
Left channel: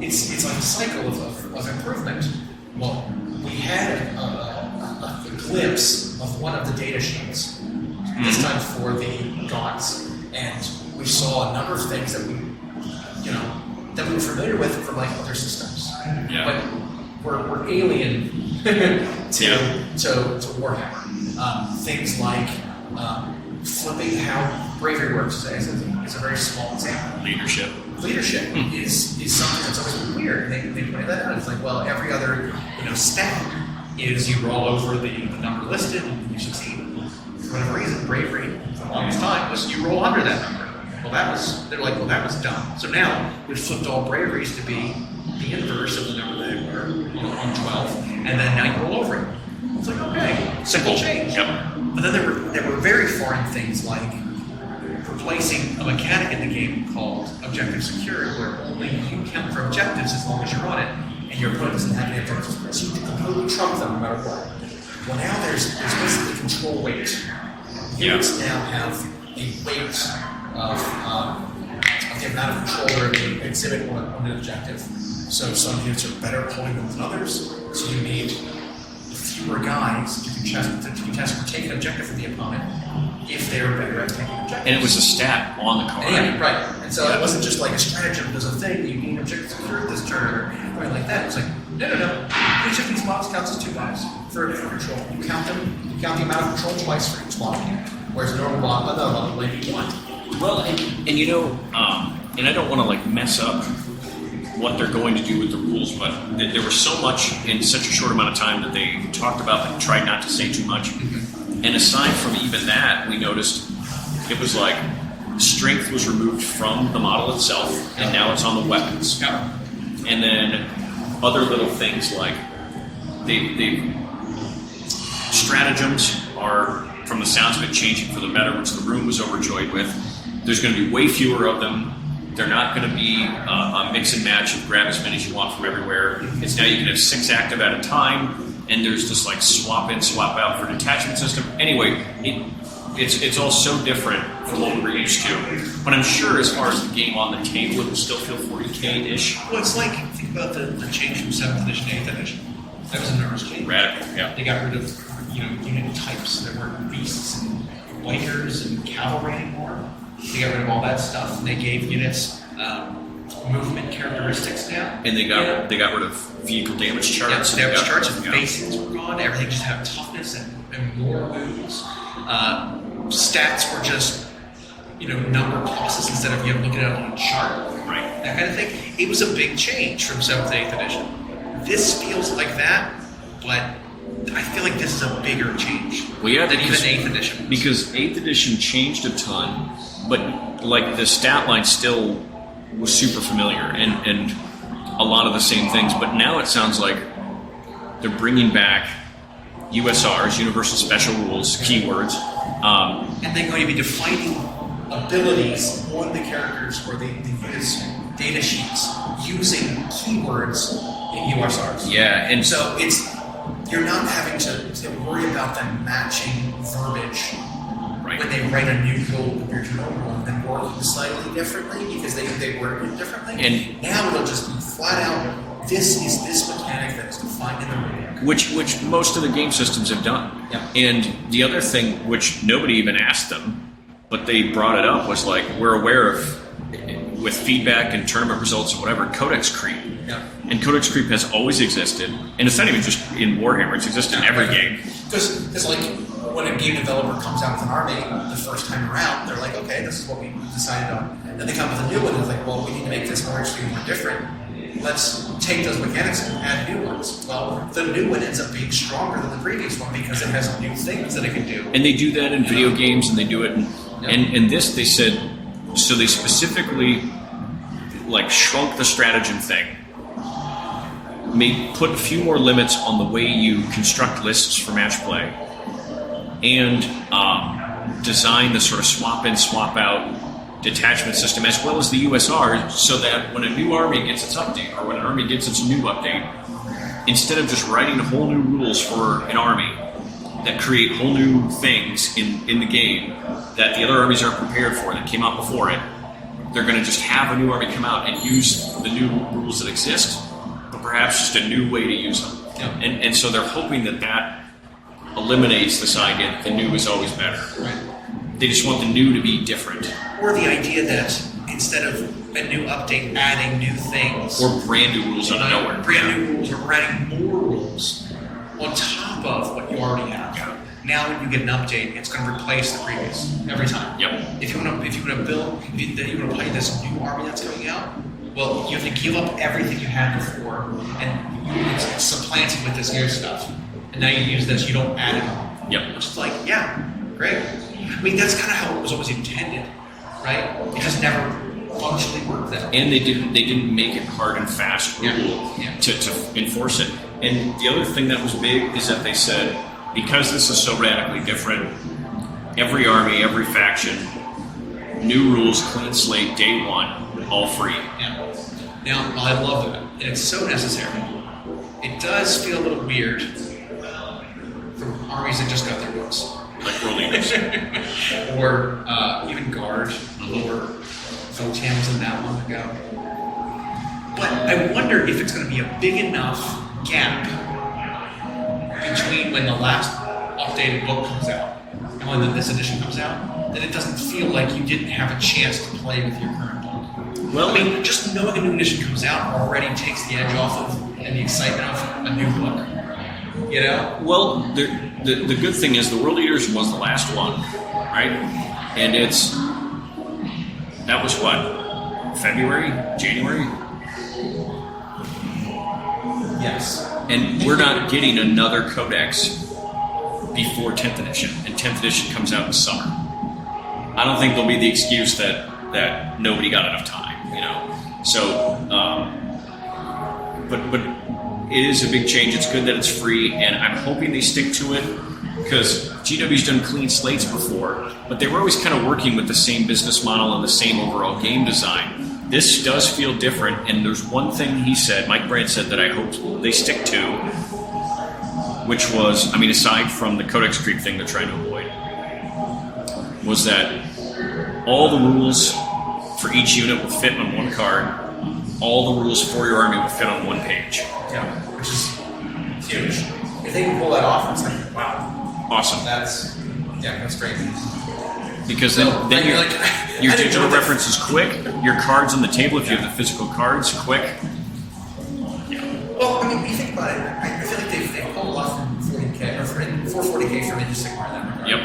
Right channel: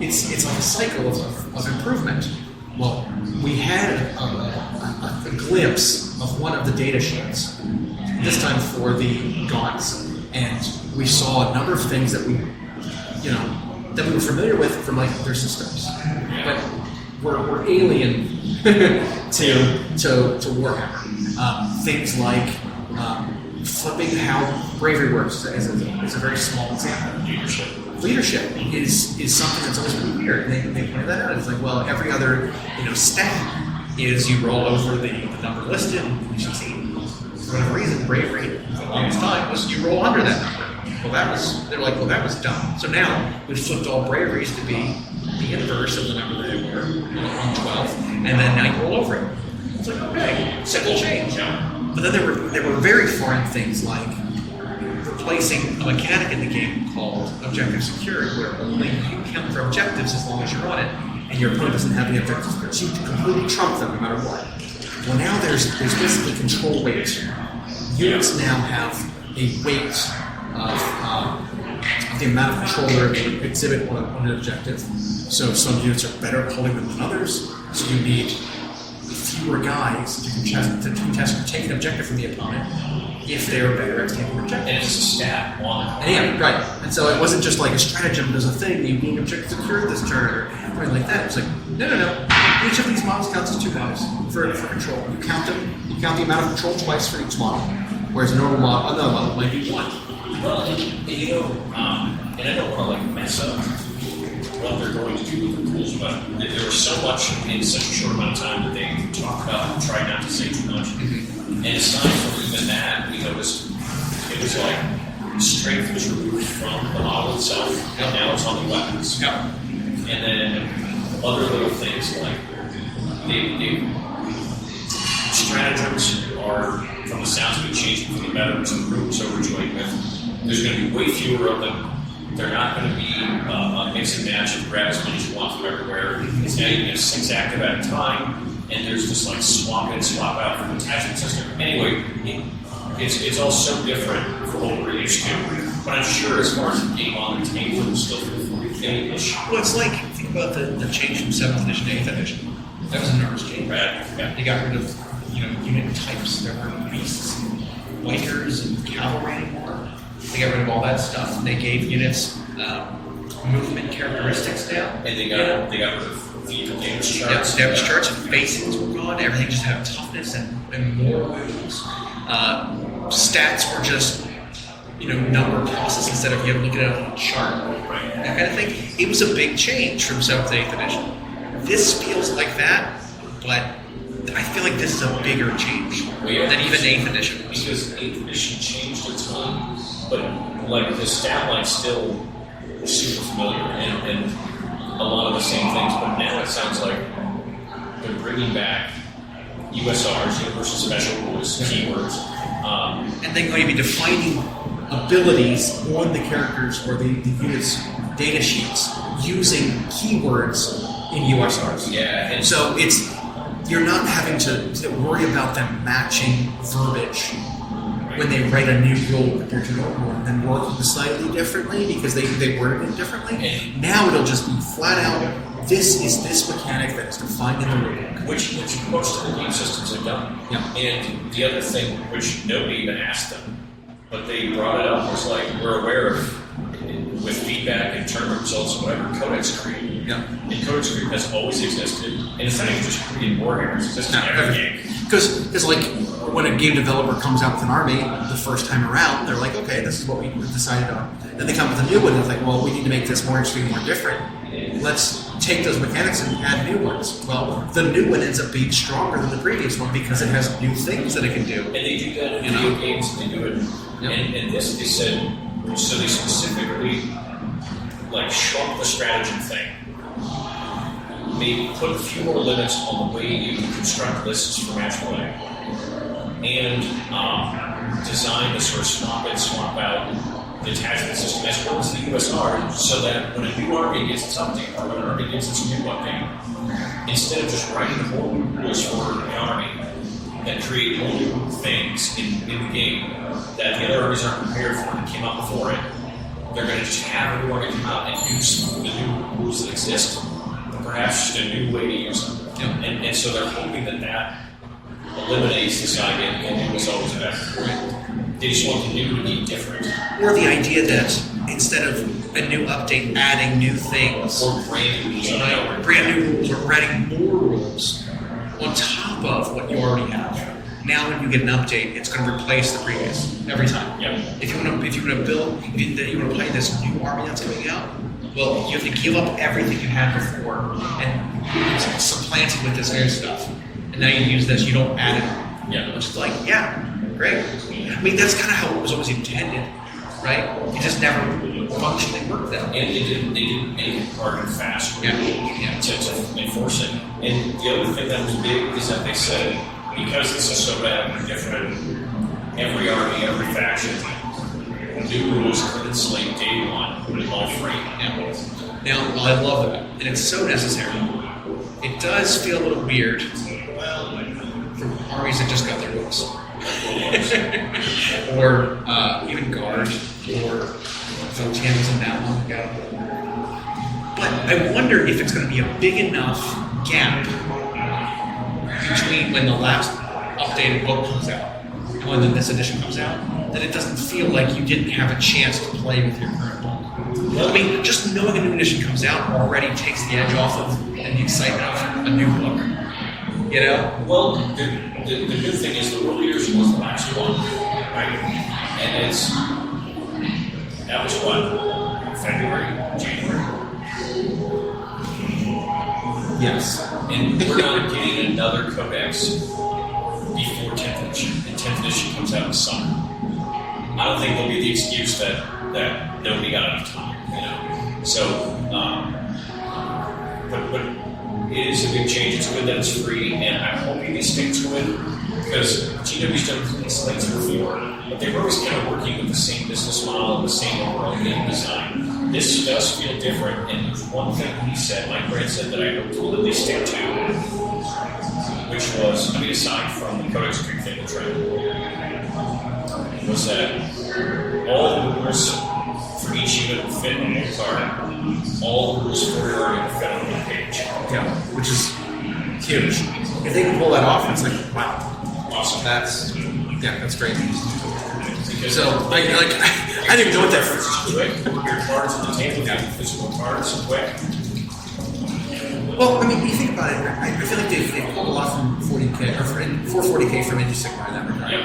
It's like a cycle of improvement. Well, we had a glimpse of one of the data sheets, this time for the Gaunts, and we saw a number of things that we were familiar with from like other systems, but we're alien to Warhammer. Things like flipping how bravery works is a very small example. Leadership is something that's always been weird. They pointed that out. It's like, well, every other stat is you roll over the number listed and you succeed. For whatever reason, bravery for the longest time was you roll under that number. Well, that was dumb. So now we've flipped all braveries to be the inverse of the number that they were on 12, and then now you roll over it. It's like, okay, simple change. But then there were very foreign things like replacing a mechanic in the game called objective security, where only you count for objectives as long as you're on it, and your opponent doesn't have any objectives. So you completely trump them no matter what. Well, now there's basically control weight. Units now have a weight of the amount of control they're going to exhibit on an objective. So some units are better at holding them than others. So you need fewer guys to contest or take an objective from the opponent if they were better at taking objectives. And it was a stat on the card. Yeah, right. And so it wasn't just like a stratagem does a thing, you gain objective security this turn or something like that. It's like, no. Each of these models counts as 2 guys for control. You count them, you count the amount of control twice for each model. Whereas a normal model might be 1. Well, and I don't want to like mess up what they're going to do with the rules, but there was so much in such a short amount of time that they talked about and tried not to say too much. Mm-hmm. And aside from even that, we noticed it was like strength was removed from the model itself, and now it's on the weapons. Yep. And then other little things like they stratagems are, from the sounds of it, changing for the better, which the room was overjoyed with. There's going to be way fewer of them. They're not going to be a mix and match of grab as many as you want from everywhere. It's now you can have 6 active at a time, and there's just like swap in, swap out for detachment system. Anyway, it's all so different from what we're used to. But I'm sure as far as the game on the table, it will still feel 40K-ish. Well, it's like, think about the change from 7th edition to 8th edition. That was a numbers change. Rad, yeah. They got rid of unit types. There weren't beasts and bikers and cavalry anymore. They got rid of all that stuff. They gave units movement characteristics now. And they got rid of vehicle damage charts. Yeah, damage charts and facings were gone. Everything just had toughness and more wounds. Stats were just number pluses instead of you have to look at it on a chart. Right. That kind of thing. It was a big change from 7th to 8th edition. This feels like that, but I feel like this is a bigger change than even 8th edition. Because 8th edition changed a ton, but like the stat line still was super familiar and a lot of the same things. But now it sounds like they're bringing back USRs, Universal Special Rules, keywords. And they're going to be defining abilities on the characters or the units' data sheets using keywords in USRs. Yeah, and so you're not having to worry about them matching verbiage when they write a new rule compared to an old one and work slightly differently because they word it differently. And now it'll just be flat out, this is this mechanic that is defined in the rulebook. Which most of the game systems have done. Yeah. And the other thing, which nobody even asked them, but they brought it up, was like, we're aware of, with feedback and tournament results and whatever, codex creep. Yeah. And codex creep has always existed. And it's not even just in Warhammer, it's existed in every game. Because like, when a game developer comes out with an army the first time around, they're like, okay, this is what we decided on. Then they come with a new one, and they're like, well, we need to make this more interesting, more different. Let's take those mechanics and add new ones. Well, the new one ends up being stronger than the previous one because it has new things that it can do. And they do that in video games, and they do it. Yep. And this, they said, so they specifically like shrunk the stratagem thing. Put a few more limits on the way you construct lists for match play, and design the sort of swap in, swap out detachment system as well as the USR, so that when a new army gets its update or when an army gets its new update, instead of just writing whole new rules for an army that create whole new things in the game that the other armies aren't prepared for that came out before it, they're going to just have a new army come out and use the new rules that exist, but perhaps just a new way to use them. Yeah. And so they're hoping that eliminates this idea that the new is always better. Right. They just want the new to be different. Or the idea that instead of a new update adding new things, Or brand new rules out of nowhere. brand new rules, or adding more rules on top of what you already have. Now, when you get an update, it's going to replace the previous every time. Yep. If you want to play this new army that's coming out, well, you have to give up everything you had before and supplant it with this new stuff. And now you use this, you don't add it on. Yep. Which is like, yeah, great. I mean, that's kind of how it was always intended, right? It just never functionally worked that way. And they didn't make it hard and fast Yeah. to enforce it. And the other thing that was big is that they said, because this is so radically different, every army, every faction, new rules, clean slate, day one, all free. Yeah. Now, I love that, and it's so necessary. It does feel a little weird for armies that just got their books, or even Guard, or Votan wasn't that long ago. But I wonder if it's going to be a big enough gap between when the last updated book comes out and when this edition comes out, that it doesn't feel like you didn't have a chance to play with your current book. Well, I mean, just knowing a new edition comes out already takes the edge off of and the excitement of a new book. You know? Well, the good thing is the World Eaters was the last one, right? And that was what? February? January? Yes. And we're not getting another codex before 10th edition, and 10th edition comes out in summer. I don't think there'll be the excuse that nobody got enough time, you know. So, but it is a big change. It's good that it's free, and I'm hoping they stick to it, because GW's done clean slates before, but they were always kind of working with the same business model and the same overall game design. This does feel different, and there's one thing he said, Mike Brand said, that I hope that they stick to, which was, I mean, aside from the Codex Creep thing they're trying to avoid, was that all the rules for each unit will fit on one card. All the rules for your army will fit on one page. Yeah, which is huge. If they can pull that off, it's like, wow. Awesome. That's great. Because So, your I didn't know table that. reference is quick. Your cards on the table, if you have the physical cards, quick. Well, I mean, when you think about it, I feel like they've pulled a lot from 40K, or from 440K from Age of Sigmar in that regard. Yep.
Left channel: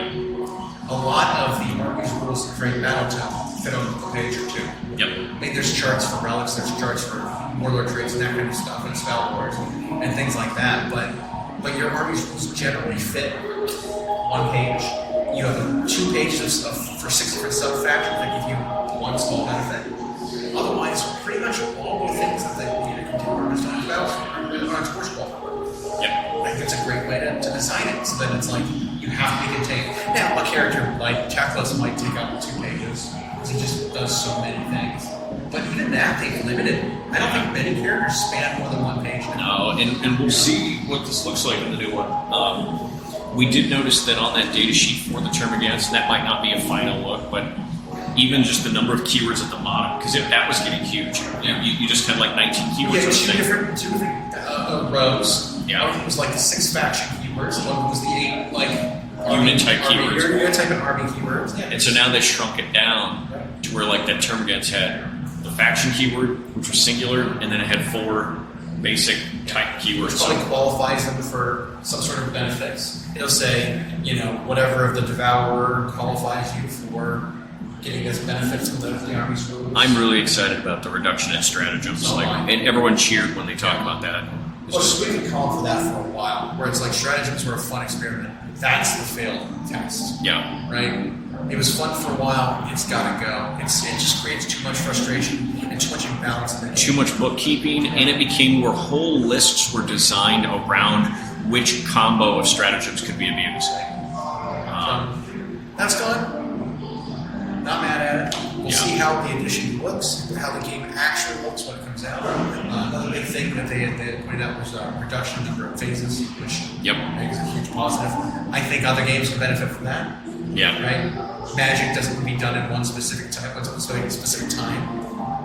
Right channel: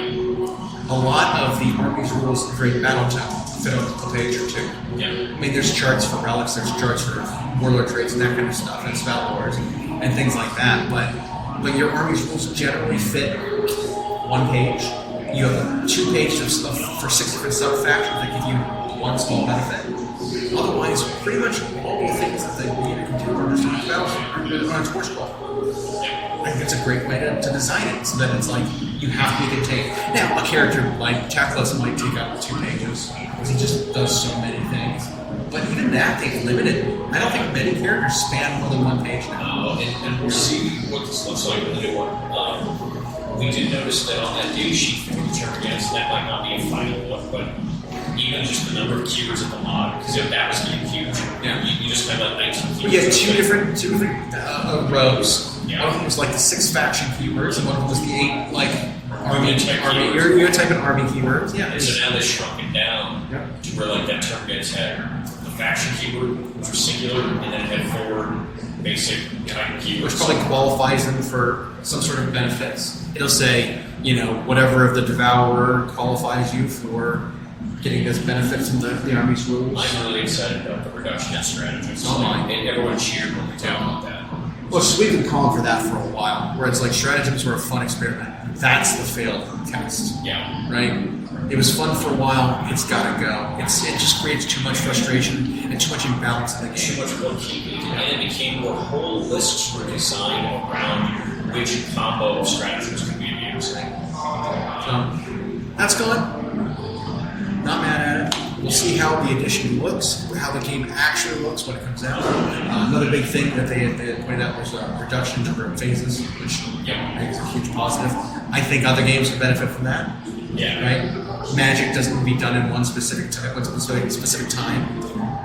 A lot of the army's rules in Great Battletown fit on a page or two. Yep. I mean, there's charts for relics, there's charts for warlord traits and that kind of stuff, and spell wars and things like that. But your army's rules generally fit one page. You have 2 pages for 6 different sub-factions that give you one small benefit. Otherwise, pretty much all the things that the unit can do are just on a torch ball. Yep. I think it's a great way to design it, so that it's like you have to make it take. Now, a character like Tackless might take up 2 pages because he just does so many things. But even that, they've limited. I don't think many characters span more than 1 page now. No, and we'll see what this looks like in the new one. We did notice that on that data sheet for the Termagants, that might not be a final look, but even just the number of keywords at the mod, because that was getting huge. Yeah. You just had like 19 keywords. Yeah, two different rows. Yeah. One of them was like the 6 faction keywords, and one of them was the 8 like Unit type keywords. Unit type and army keywords. Yeah. And so now they've shrunk it down to where like that Termagants had the faction keyword, which was singular, and then it had 4 basic type Which keywords. probably qualifies them for some sort of benefits. It'll say, whatever of the Devourer qualifies you for getting this benefit from the army's rules. I'm really excited about the reduction in stratagems. So am I. And everyone cheered when they talked about that. Well, so we've been calling for that for a while, where it's like stratagems were a fun experiment. That's the failed test, Yeah. right? It was fun for a while. It's got to go. It just creates too much frustration and too much imbalance in the game. Too much bookkeeping, and it became where whole lists were designed around which combo of stratagems could be abused. That's gone. Not mad at it. We'll see how the edition looks, how the game actually looks when it comes out. Another big thing that they had pointed out was reduction in number of phases, which Yep. I think is a huge positive. I think other games can benefit from that. Yeah. Right? magic doesn't be done in one specific time,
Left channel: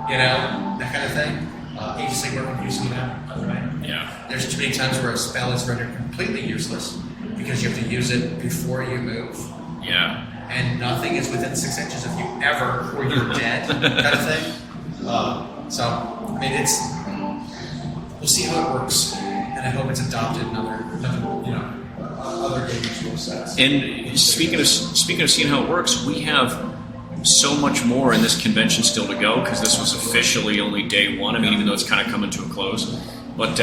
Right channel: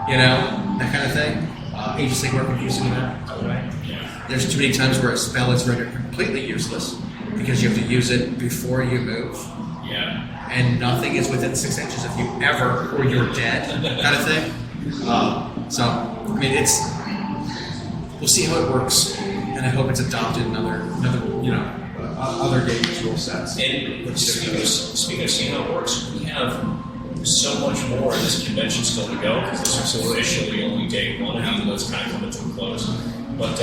you know, that kind of thing. Agency we're confusing that, right? Yeah. There's too many times where a spell is rendered completely useless because you have to use it before you move. Yeah. And nothing is within 6 inches of you ever, or you're dead, kind of thing. So, I mean, we'll see how it works, and I hope it's adopted in other other games rule sets. And speaking of seeing how it works, we have so much more in this convention still to go because this was officially only day one, even though it's kind of coming to a close. But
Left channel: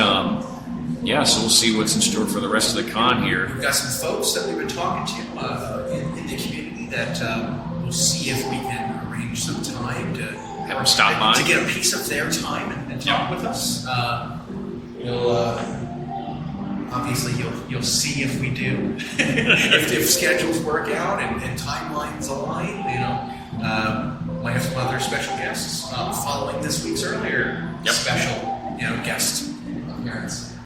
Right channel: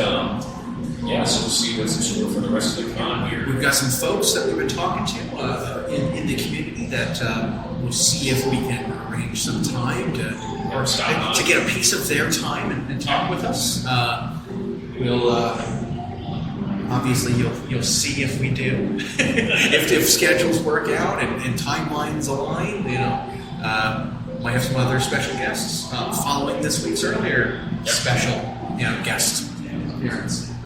yeah, so we'll see what's in store for the rest of the con here. We've got some folks that we've been talking to in the community that we'll see if we can arrange some time to stop by to get a piece of their time and talk with us. We'll obviously you'll see if we do if schedules work out and timelines align. You know, might have some other special guests following this week's earlier special guest appearance.